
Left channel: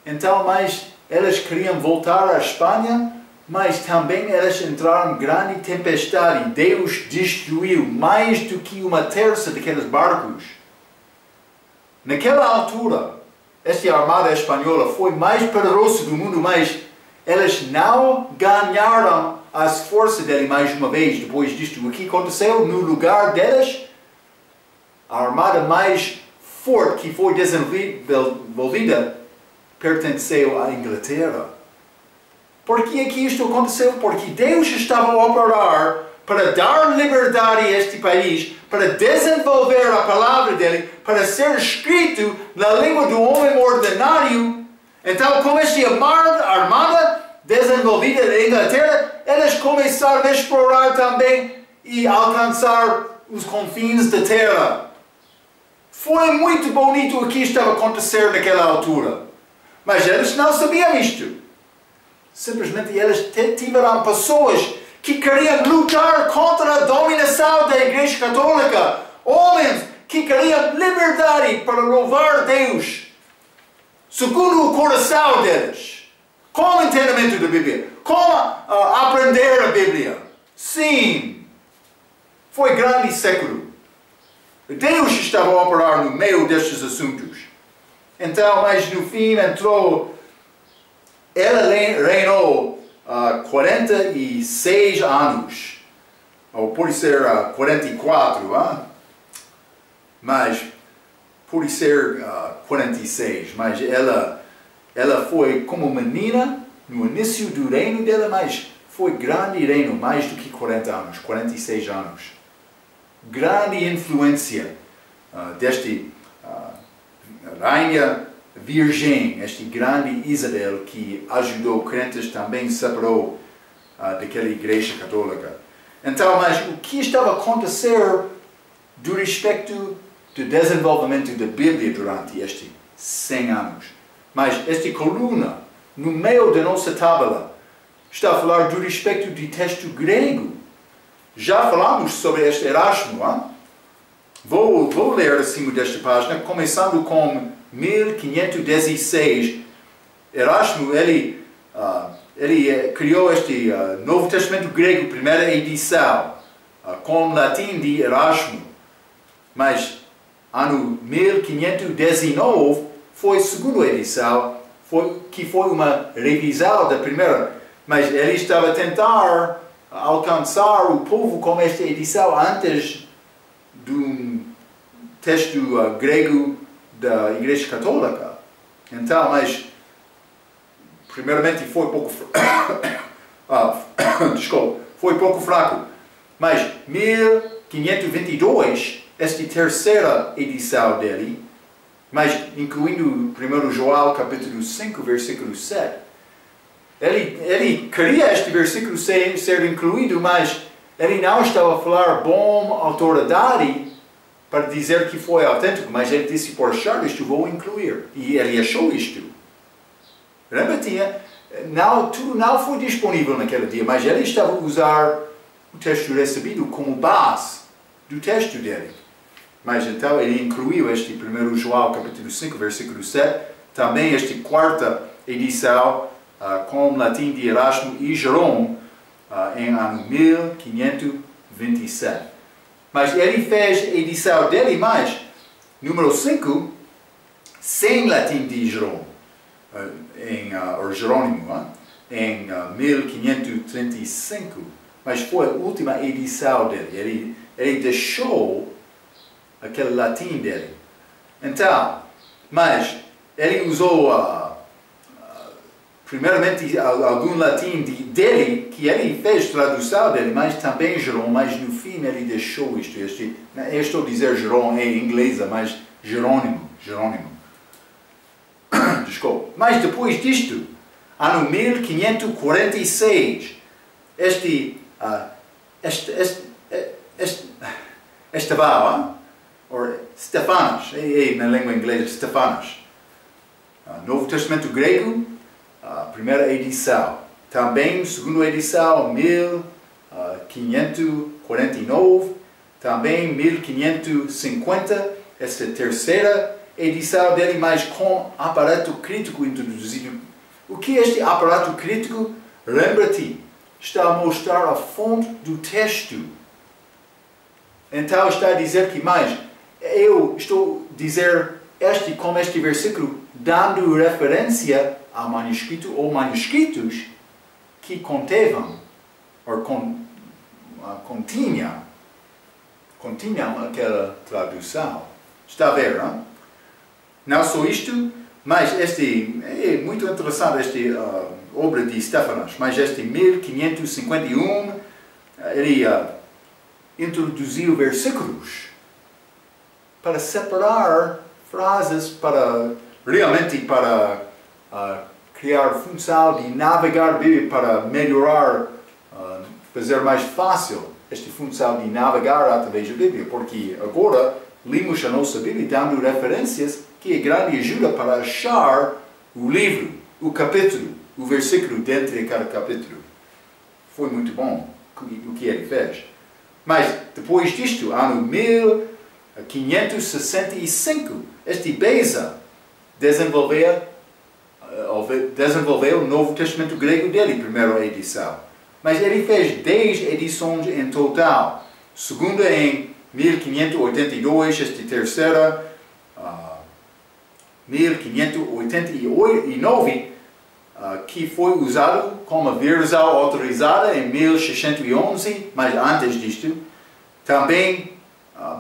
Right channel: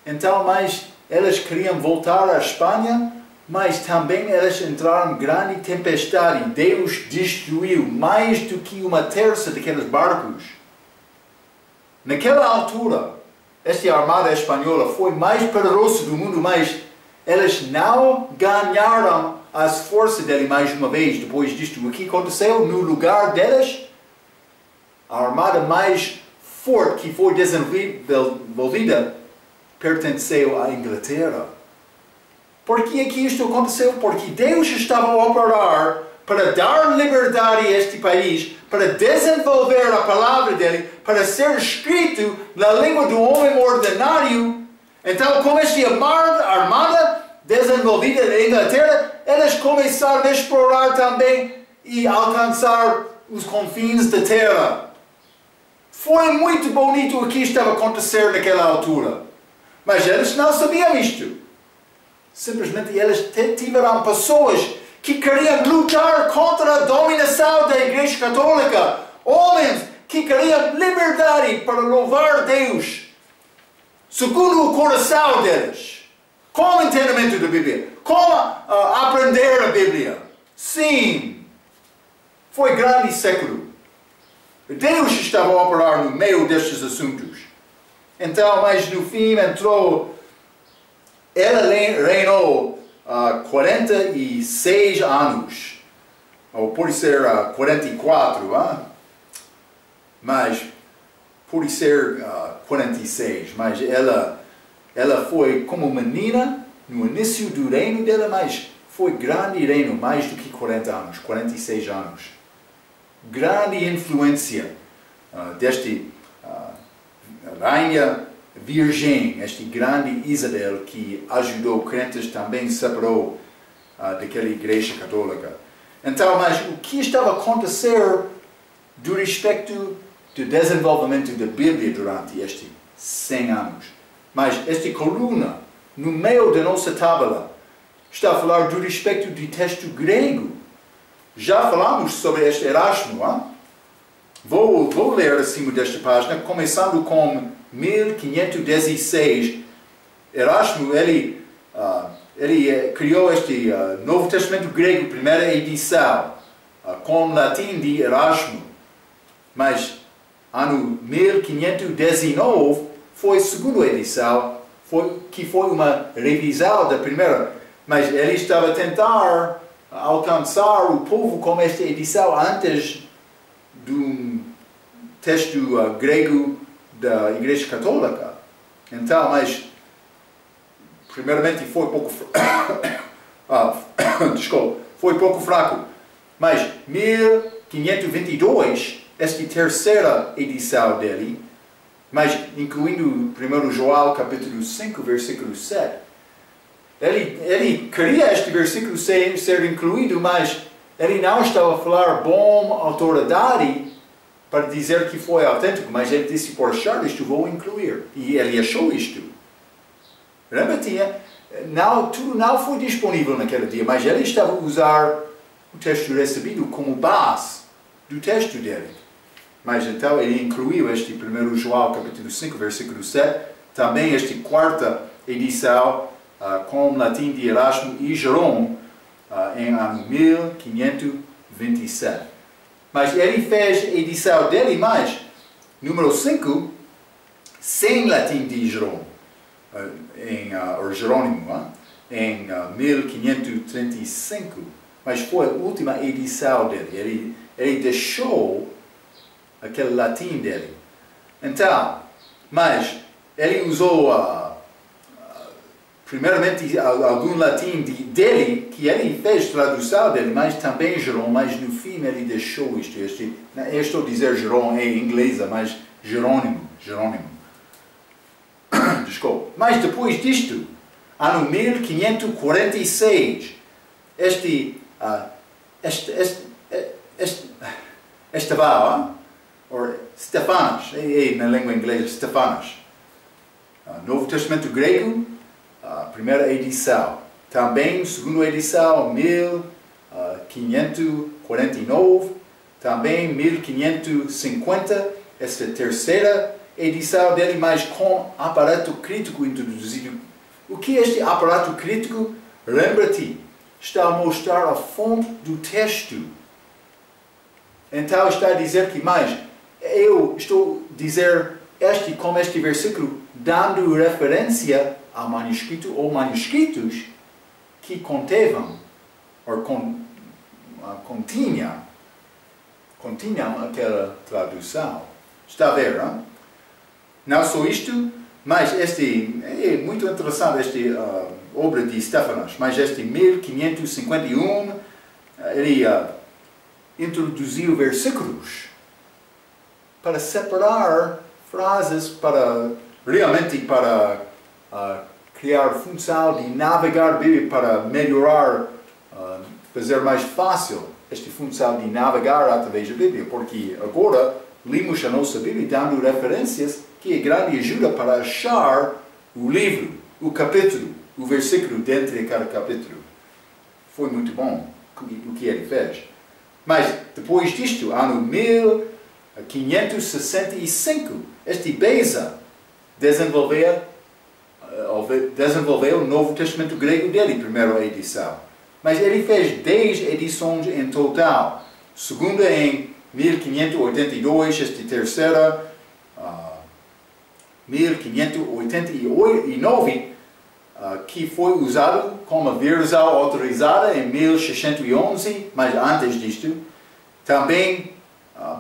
Então, mas eles queriam voltar à Espanha, mas também eles entraram em grande tempestade. Deus destruiu mais do que uma terça daqueles barcos. Naquela altura, esta armada espanhola foi mais poderosa do mundo, mas eles não ganharam as forças dele mais uma vez depois disto. O que aconteceu? No lugar deles, a armada mais forte que foi desenvolvida pertenceu à Inglaterra. Por que é que isto aconteceu? Porque Deus estava a operar para dar liberdade a este país, para desenvolver a palavra dele, para ser escrito na língua do homem ordinário. Então, com esta armada desenvolvida na Inglaterra, eles começaram a explorar também e alcançar os confins da terra. Foi muito bonito o que estava a acontecer naquela altura. Mas eles não sabiam isto. Simplesmente eles tiveram pessoas que queriam lutar contra a dominação da Igreja Católica. Homens que queriam liberdade para louvar Deus segundo o coração deles. Com o entendimento da Bíblia. Com aprender a Bíblia. Sim. Foi grande século. Deus estava a operar no meio destes assuntos. Então, mas no fim entrou... Ela reinou 46 anos. Ou pode ser 44, mas pode ser 46. Mas ela foi como menina no início do reino dela, mas foi grande reino, mais do que 40 anos, 46 anos. Grande influência deste rainha virgem, este grande Isabel, que ajudou crentes, também separou daquela igreja católica. Então, mas o que estava a acontecer do respeito do desenvolvimento da Bíblia durante estes 100 anos? Mas esta coluna, no meio da nossa tábua, está a falar do respeito do texto grego. Já falamos sobre este Erasmo. Vou ler acima desta página, começando com 1516. Erasmo, ele criou este Novo Testamento grego, primeira edição, com latim de Erasmo. Mas, ano 1519, foi a segunda edição, que foi uma revisão da primeira. Mas ele estava a tentar alcançar o povo com esta edição antes do texto grego da Igreja Católica. Então, mas primeiramente foi pouco foi pouco fraco. Mas 1522, esta terceira edição dele, mas incluindo 1 João capítulo 5, versículo 7. Ele queria este versículo ser incluído, mas ele não estava a falar bom autoridade para dizer que foi autêntico, mas ele disse, por achar isto, vou incluir. E ele achou isto. Tudo não foi disponível naquele dia, mas ele estava a usar o texto recebido como base do texto dele. Mas então ele incluiu este 1 João capítulo 5, versículo 7, também esta quarta edição com latim de Erasmo e Jerome em ano 1527. Mas ele fez a edição dele, mas número 5, sem latim de Jerome, ou Jerônimo, em 1535. Mas foi a última edição dele. Ele deixou aquele latim dele. Então, mas ele usou primeiramente algum latim dele, que ele fez tradução dele, mas também Jerome, mas no fim ele deixou isto. Eu estou a dizer Jerome em inglês, mas Jerônimo. Desculpa. Mas depois disto, ano 1546, Estevão, ou Stefanas, na língua inglesa, Stefanas, Novo Testamento grego, primeira edição. Também, segunda edição, 1549. Também, 1550. Esta terceira edição dele, mas com aparato crítico introduzido. O que é este aparato crítico? Lembra-te, está a mostrar a fonte do texto. Então, está a dizer que mais, eu estou a dizer como este versículo, dando referência ao manuscrito ou manuscritos que contavam, ou continham aquela tradução. Está a ver, não? Não só isto, mas é muito interessante esta obra de Stefanas, mas este 1551, ele introduziu versículos para separar frases, realmente para criar função de navegar a Bíblia, para melhorar, fazer mais fácil esta função de navegar através da Bíblia, porque agora lemos a nossa Bíblia dando referências que é grande ajuda para achar o livro, o capítulo, o versículo dentro de cada capítulo. Foi muito bom o que ele fez. Mas depois disto, ano 1565, este Beza desenvolveu o Novo Testamento grego dele, primeira edição. Mas ele fez 10 edições em total. Segunda em 1582, esta terceira, 1589, que foi usado como versão autorizada em 1611, mas antes disto. Também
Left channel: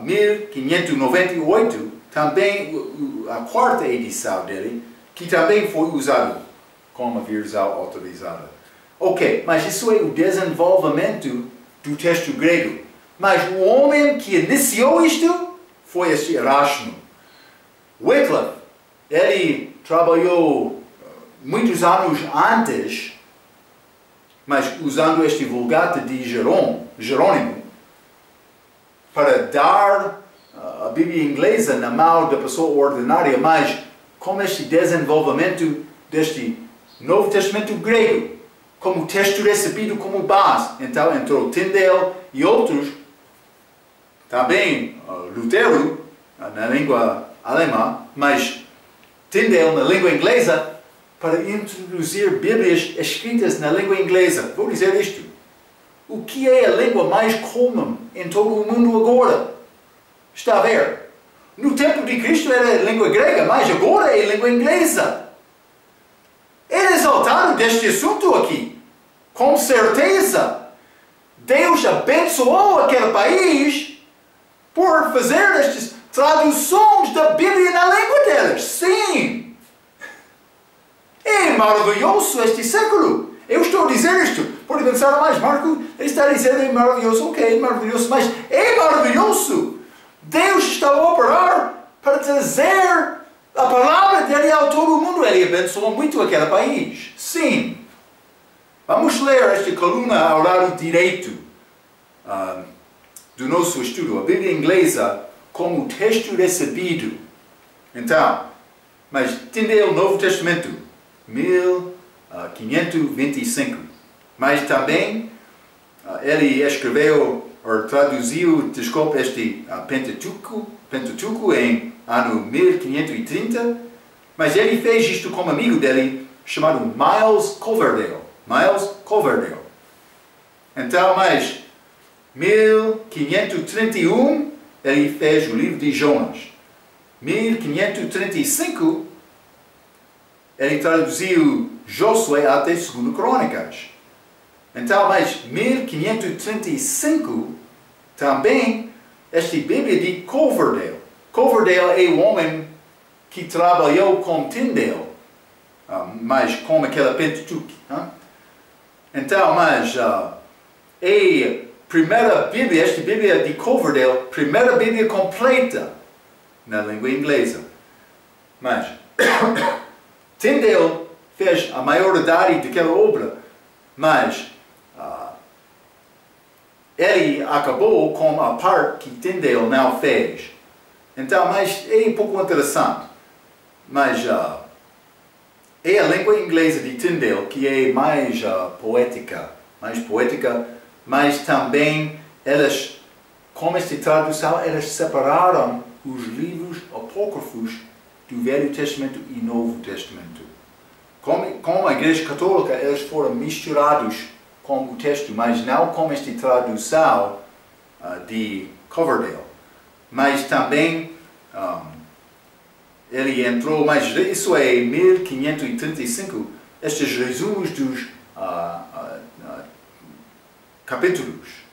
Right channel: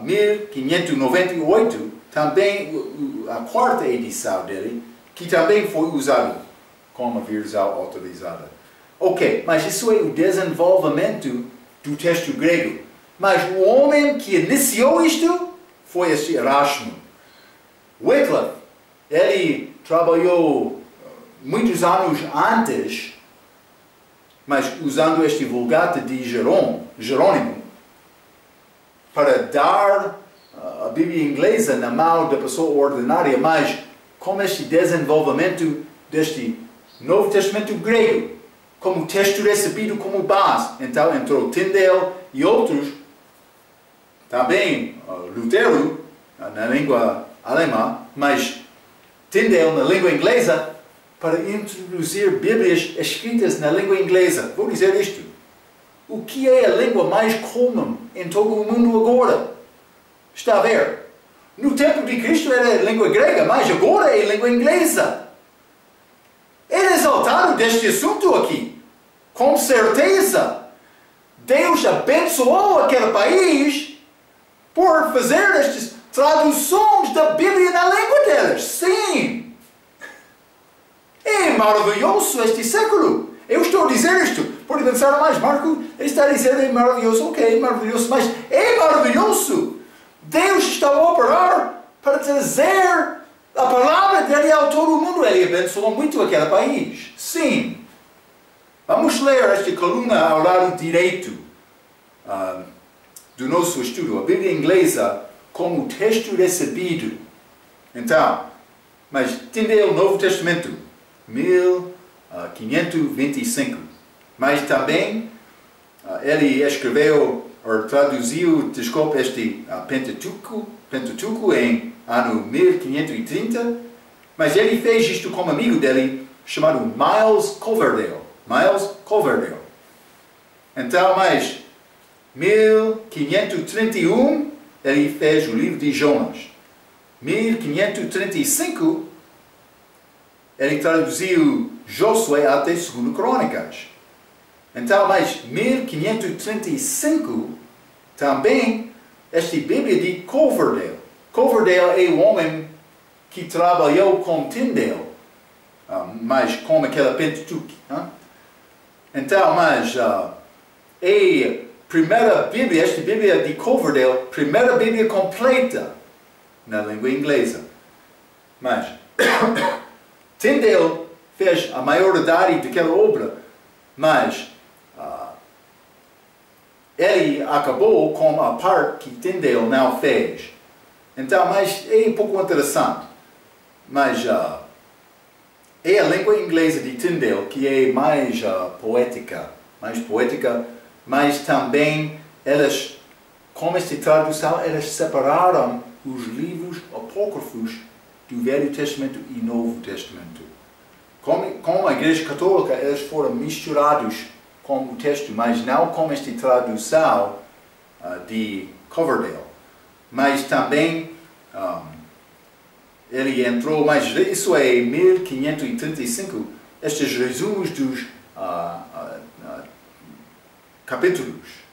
1598, também a quarta edição dele, que também foi usado como versão autorizada. Ok, mas isso é o desenvolvimento do texto grego. Mas o homem que iniciou isto foi este Erasmo. Wycliffe, ele trabalhou muitos anos antes, mas usando este Vulgata de Jerônimo, para dar a Bíblia inglesa na mão da pessoa ordinária, mas com este desenvolvimento deste Novo Testamento grego, como texto recebido como base. Então entrou Tyndale e outros, também Lutero na língua alemã, mas Tyndale na língua inglesa, para introduzir Bíblias escritas na língua inglesa. Vou dizer isto. O que é a língua mais comum em todo o mundo agora? Está a ver? No tempo de Cristo era a língua grega, mas agora é a língua inglesa. É exaltado deste assunto aqui. Com certeza. Deus abençoou aquele país por fazer estas traduções da Bíblia na língua deles. Sim. É maravilhoso este século. Eu estou a dizer isto. Pode pensar mais, Marco está a dizer é maravilhoso. Ok, maravilhoso, mas é maravilhoso. Deus está a operar para trazer a palavra dele a todo o mundo. Ele abençoou muito aquele país. Sim. Vamos ler esta coluna ao lado direito do nosso estudo. A Bíblia inglesa como texto recebido. Então, mas Tyndale, Novo Testamento, 1525. Mas também ele escreveu ou traduziu, desculpe, este Pentateuco em ano 1530. Mas ele fez isto com um amigo dele chamado Miles Coverdale. Então, mas 1531 ele fez o livro de Jonas. 1535 ele traduziu Josué até 2 Crônicas. Então, mas 1535 também esta Bíblia de Coverdale. Coverdale é o homem que trabalhou com Tyndale, mas com aquela Pentateuco. Então, mas é a primeira Bíblia, esta Bíblia de Coverdale, primeira Bíblia completa na língua inglesa. Mas Tyndale fez a maioridade daquela obra, mas ele acabou com a parte que Tyndale não fez. Então, mas é um pouco interessante. Mas é a língua inglesa de Tyndale que é mais poética, mas também elas, com esta tradução, elas separaram os livros apócrifos do Velho Testamento e Novo Testamento. Com a Igreja Católica, eles foram misturados com o texto, mas não com esta tradução de Coverdale. Mas também ele entrou, mas isso é em 1535, estes resumos dos capítulos,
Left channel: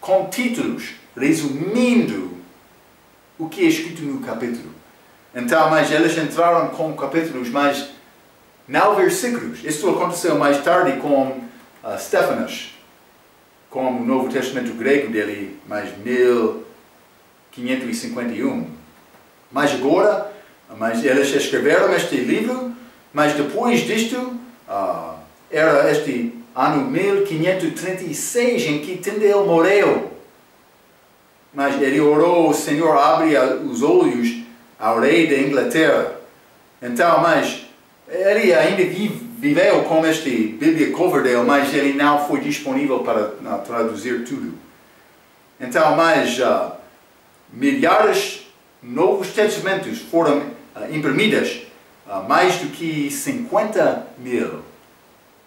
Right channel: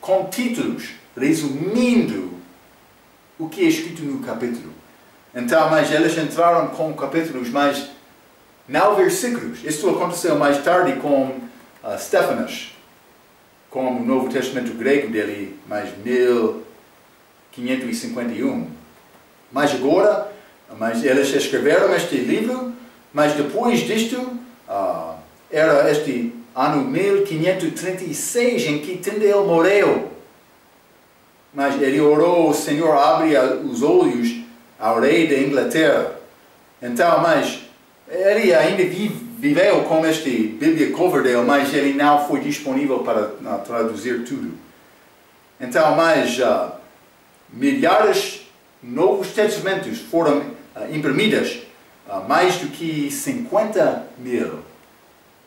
com títulos, resumindo o que é escrito no capítulo. Então, mas eles entraram com capítulos, mas não versículos. Isto aconteceu mais tarde com Stefanas, com o Novo Testamento grego dele, mais 1551. Mas agora, eles escreveram este livro, mas depois disto, era este ano 1536 em que Tyndale morreu. Mas ele orou, o Senhor abre os olhos ao rei da Inglaterra. Então, mas ele ainda viveu com esta Bíblia Coverdale, mas ele não foi disponível para traduzir tudo. Então, mais milhares de Novos Testamentos foram imprimidos, mais do que 50 mil.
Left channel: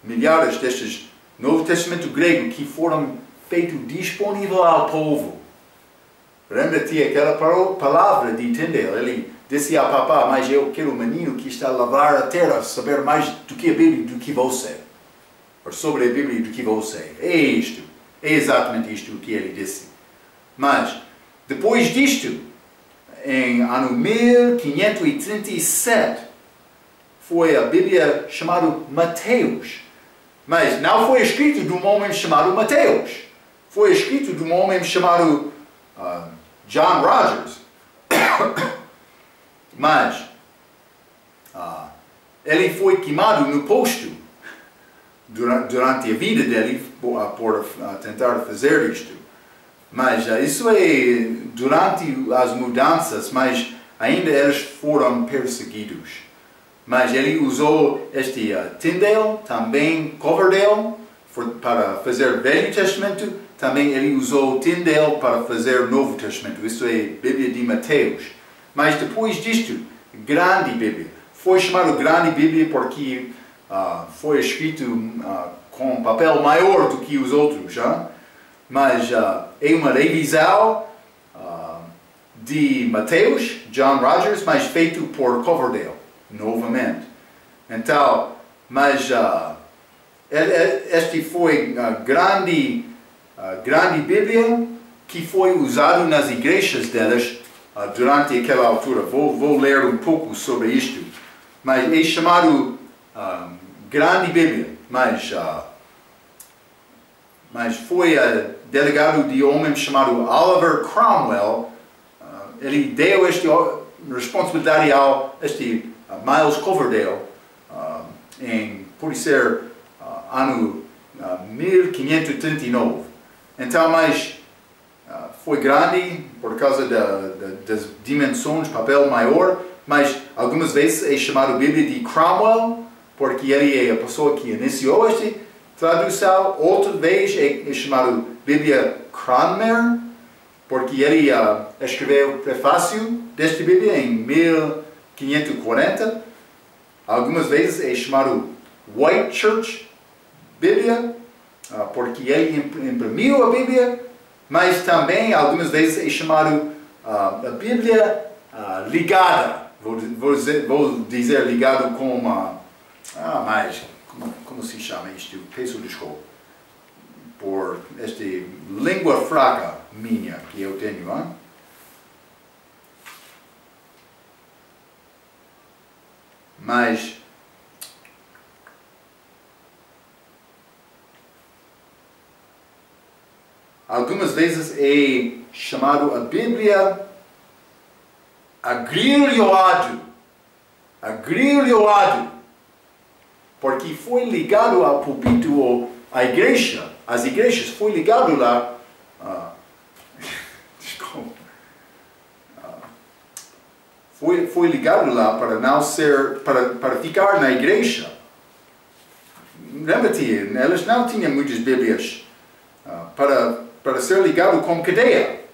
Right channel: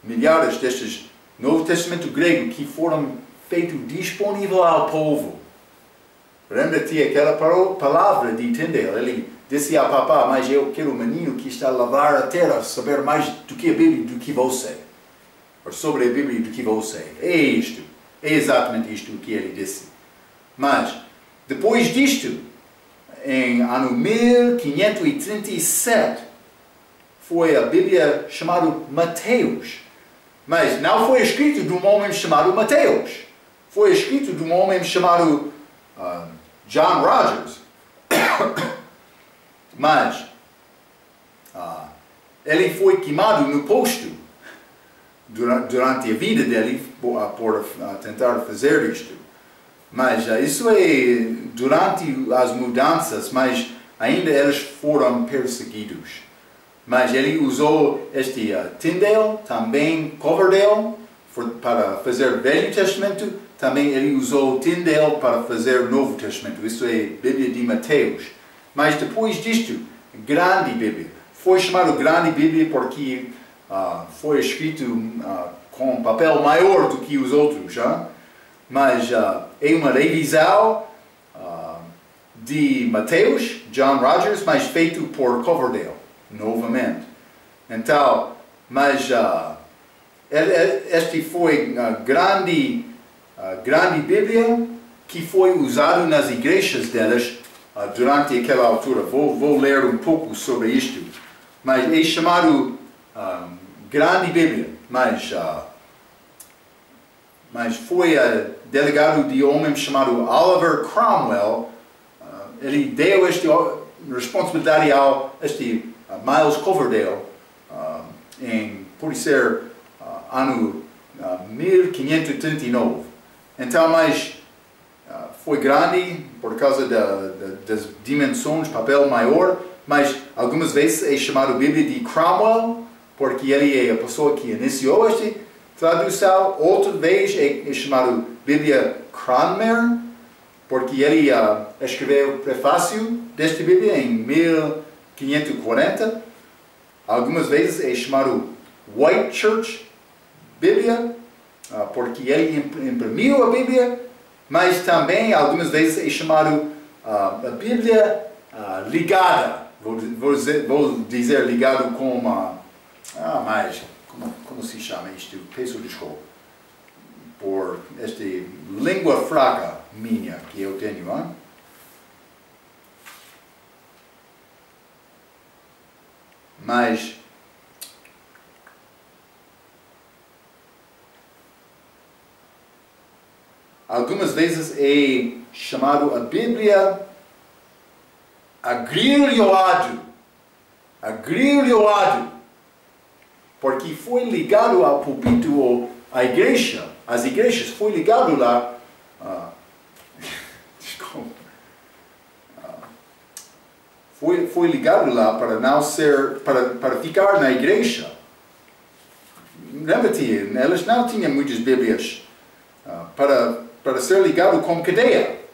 Milhares destes Novo Testamento grego que foram feitos disponível ao povo. Lembra-te aquela palavra de Tyndale? Ele disse a papá, mas eu quero um menino que está a lavar a terra, saber mais do que a Bíblia do que você. Ou sobre a Bíblia do que você. É isto. É exatamente isto que ele disse. Mas, depois disto, em ano 1537, foi a Bíblia chamada Mateus. Mas não foi escrito de um homem chamado Mateus. Foi escrito de um homem chamado John Rogers. Mas ele foi queimado no posto durante a vida dele por tentar fazer isto. Mas isso é durante as mudanças, mas ainda eles foram perseguidos. Mas ele usou este Tyndale, também Coverdale, para fazer Velho Testamento. Também ele usou Tyndale para fazer Novo Testamento. Isso é Bíblia de Mateus. Mas depois disto, Grande Bíblia. Foi chamado Grande Bíblia porque foi escrito com papel maior do que os outros. Mas é uma revisão de Mateus, John Rogers, mas feito por Coverdale, novamente. Então, mas este foi a grande Bíblia que foi usado nas igrejas delas durante aquela altura. Vou ler um pouco sobre isto. Mas é chamado Grande Bíblia, mas foi delegado de um homem chamado Oliver Cromwell. Ele deu esta responsabilidade a este Miles Coverdale por ser ano 1539. Então, mas foi grande por causa das dimensões, papel maior, mas algumas vezes é chamado Bíblia de Cromwell, porque ele é a pessoa que iniciou esta tradução. Outra vez é chamado Bíblia Cranmer, porque ele escreveu o prefácio desta Bíblia em 1540. Algumas vezes é chamado White Church Bíblia, porque ele imprimiu a Bíblia, mas também algumas vezes é chamado a Bíblia ligada. Vou dizer ligado com uma... mas como se chama isto? Peço desculpa por esta língua fraca minha que eu tenho. Mas algumas vezes é chamado a Bíblia agrilhoado, porque foi ligado ao púlpito ou à igreja, as igrejas foi ligado lá, desculpa, foi ligado lá para não ser, para ficar na igreja. Lembra-te, eles não tinham muitas Bíblias para ser ligado com cadeia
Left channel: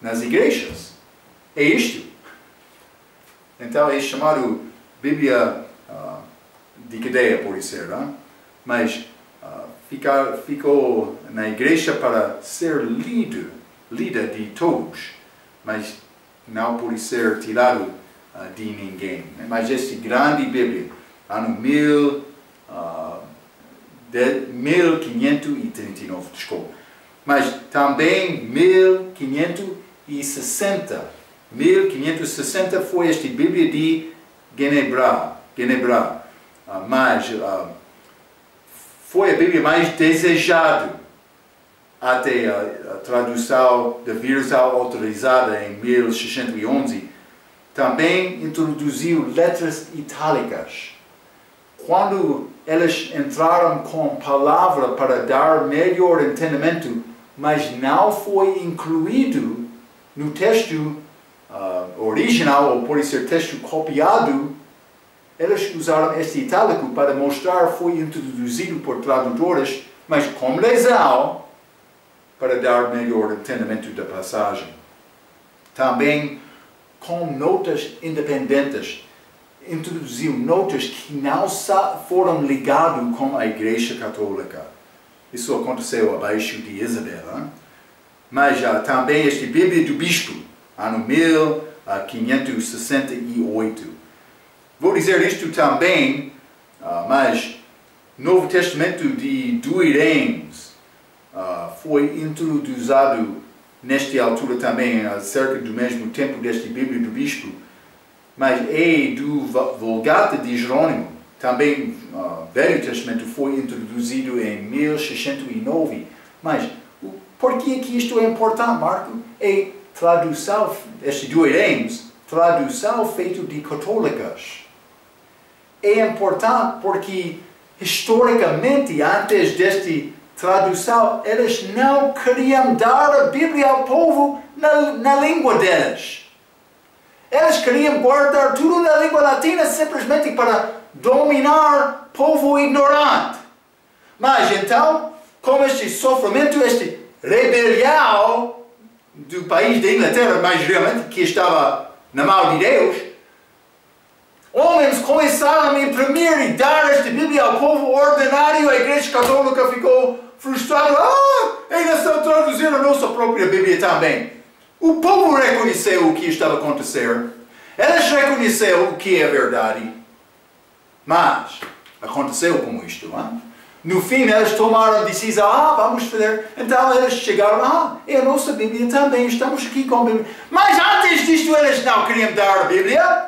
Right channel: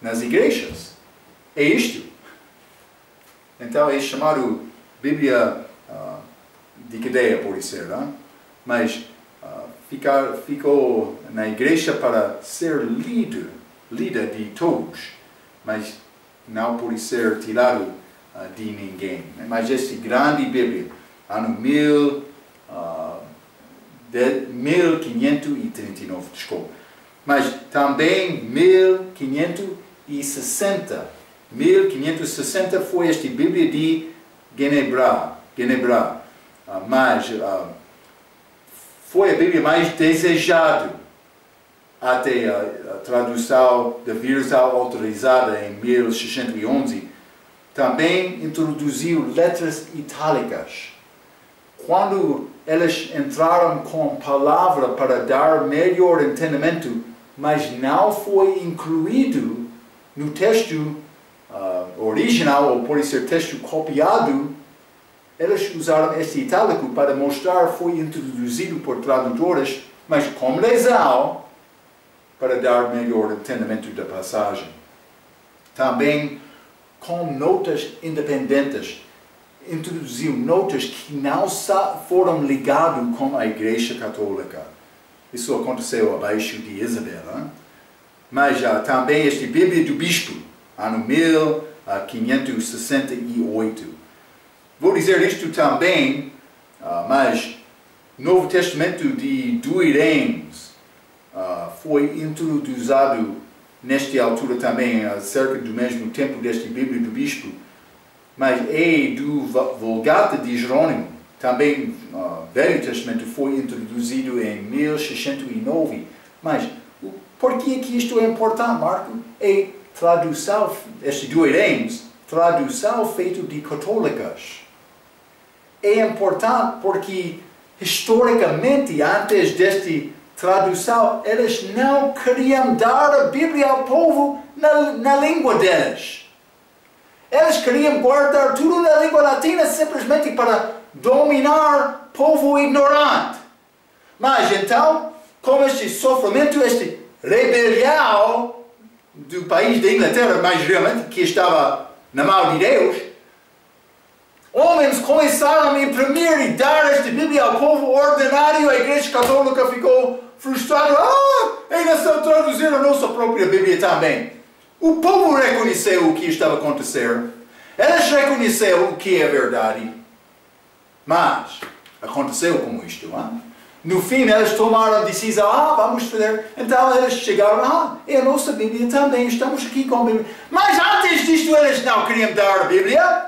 nas igrejas. É isto. Então é chamado Bíblia de cadeia, pode ser, mas ficou na igreja para ser lida de todos, mas não pode ser tirado de ninguém. Mas esta grande Bíblia, ano 1539, desculpa. Mas também 1560. 1560 foi esta Bíblia de Genebra. Mas foi a Bíblia mais desejada até a tradução da versão autorizada em 1611. Também introduziu letras itálicas. Quando eles entraram com palavra para dar melhor entendimento, mas não foi incluído no texto original, ou pode ser texto copiado, eles usaram este itálico para mostrar que foi introduzido por tradutores, mas com lesão, para dar melhor entendimento da passagem. Também com notas independentes, introduziu notas que não foram ligadas com a Igreja Católica. Isso aconteceu abaixo de Isabel. Mas também esta Bíblia do Bispo, ano 1568. Vou dizer isto também, mas Novo Testamento de Douay-Rheims foi introduzido nesta altura também, cerca do mesmo tempo desta Bíblia do Bispo, mas é do Vulgata de Jerônimo. Também o Velho Testamento foi introduzido em 1609. Mas por que isto é importante, Marco? É tradução, este Douay-Rheims, tradução feita de católicas. É importante porque, historicamente, antes desta tradução, eles não queriam dar a Bíblia ao povo na língua deles. Eles queriam guardar tudo na língua latina simplesmente para dominar o povo ignorante. Mas então, com este sofrimento, este rebelião do país da Inglaterra, mais realmente, que estava na mão de Deus, homens começaram a imprimir e dar esta Bíblia ao povo ordinário. A Igreja Católica ficou frustrada. Eles estão traduzindo a nossa própria Bíblia também. O povo reconheceu o que estava a acontecer. Eles reconheceram o que é verdade. Mas aconteceu como isto. No fim, eles tomaram a decisão. Vamos fazer. Então eles chegaram. É a nossa Bíblia também. Estamos aqui com a Bíblia. Mas antes disto, eles não queriam dar a Bíblia.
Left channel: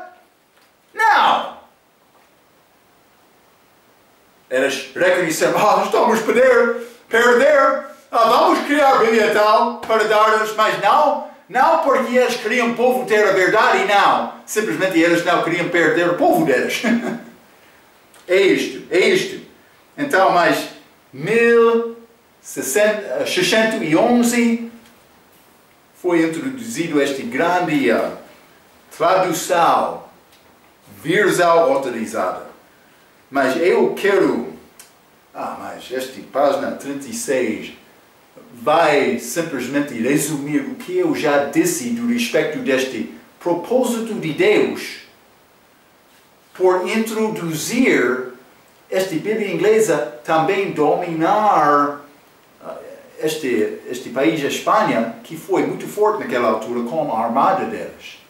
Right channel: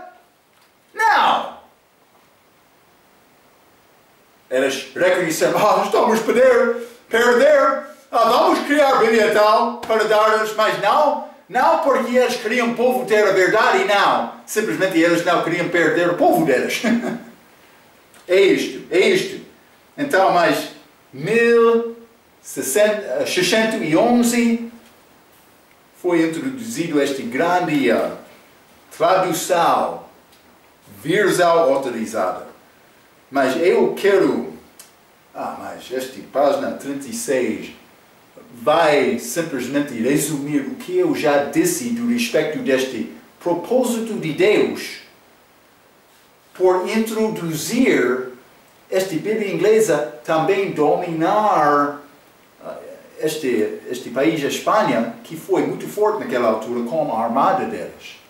Não! Eles reconheceram, estamos a perder, vamos criar a Bíblia tal para dar-lhes, mas não porque eles queriam o povo ter a verdade, não. Simplesmente eles não queriam perder o povo deles. É isto. Então, mas 1611 foi introduzido esta grande tradução versal autorizada. Mas eu quero... mas esta página 36 vai simplesmente resumir o que eu já disse do respeito deste propósito de Deus por introduzir esta Bíblia inglesa também dominar este país, a Espanha, que foi muito forte naquela altura com a armada deles.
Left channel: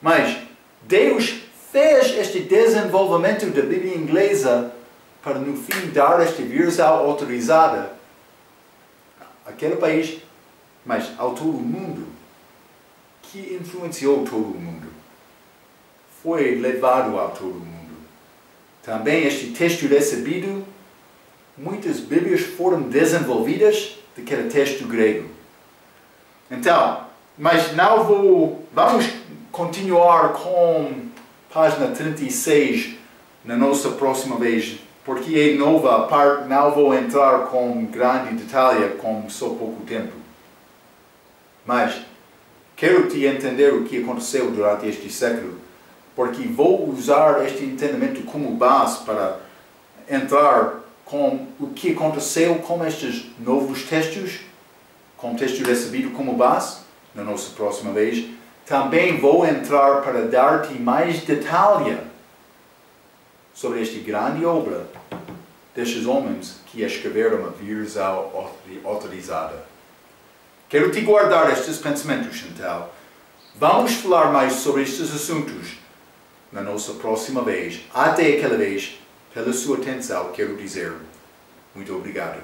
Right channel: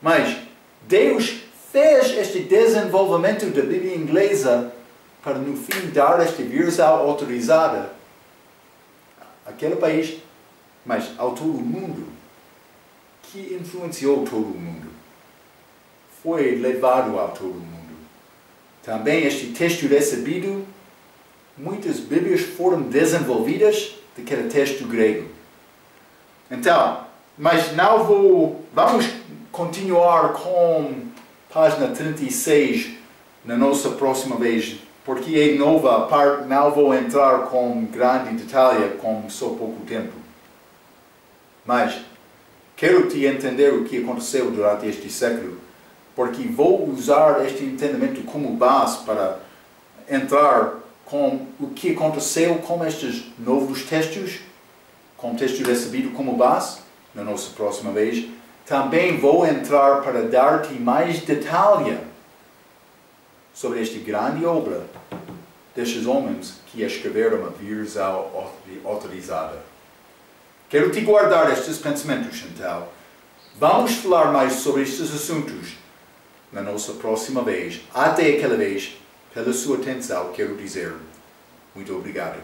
Mas Deus fez este desenvolvimento da Bíblia inglesa para, no fim, dar esta versão autorizada àquele país, mas ao todo o mundo, que influenciou todo o mundo. Foi levado a todo o mundo. Também este texto recebido, muitas Bíblias foram desenvolvidas daquele texto grego. Então, mas vamos continuar com página 36 na nossa próxima vez, porque é nova a parte, não vou entrar com grande detalhe, com só pouco tempo. Mas quero te entender o que aconteceu durante este século, porque vou usar este entendimento como base para entrar com o que aconteceu com estes novos textos, com o texto recebido como base, na nossa próxima vez. Também vou entrar para dar-te mais detalhe sobre esta grande obra destes homens que escreveram a versão autorizada. Quero te guardar estes pensamentos, então. Vamos falar mais sobre estes assuntos na nossa próxima vez. Até aquela vez, pela sua atenção, quero dizer muito obrigado.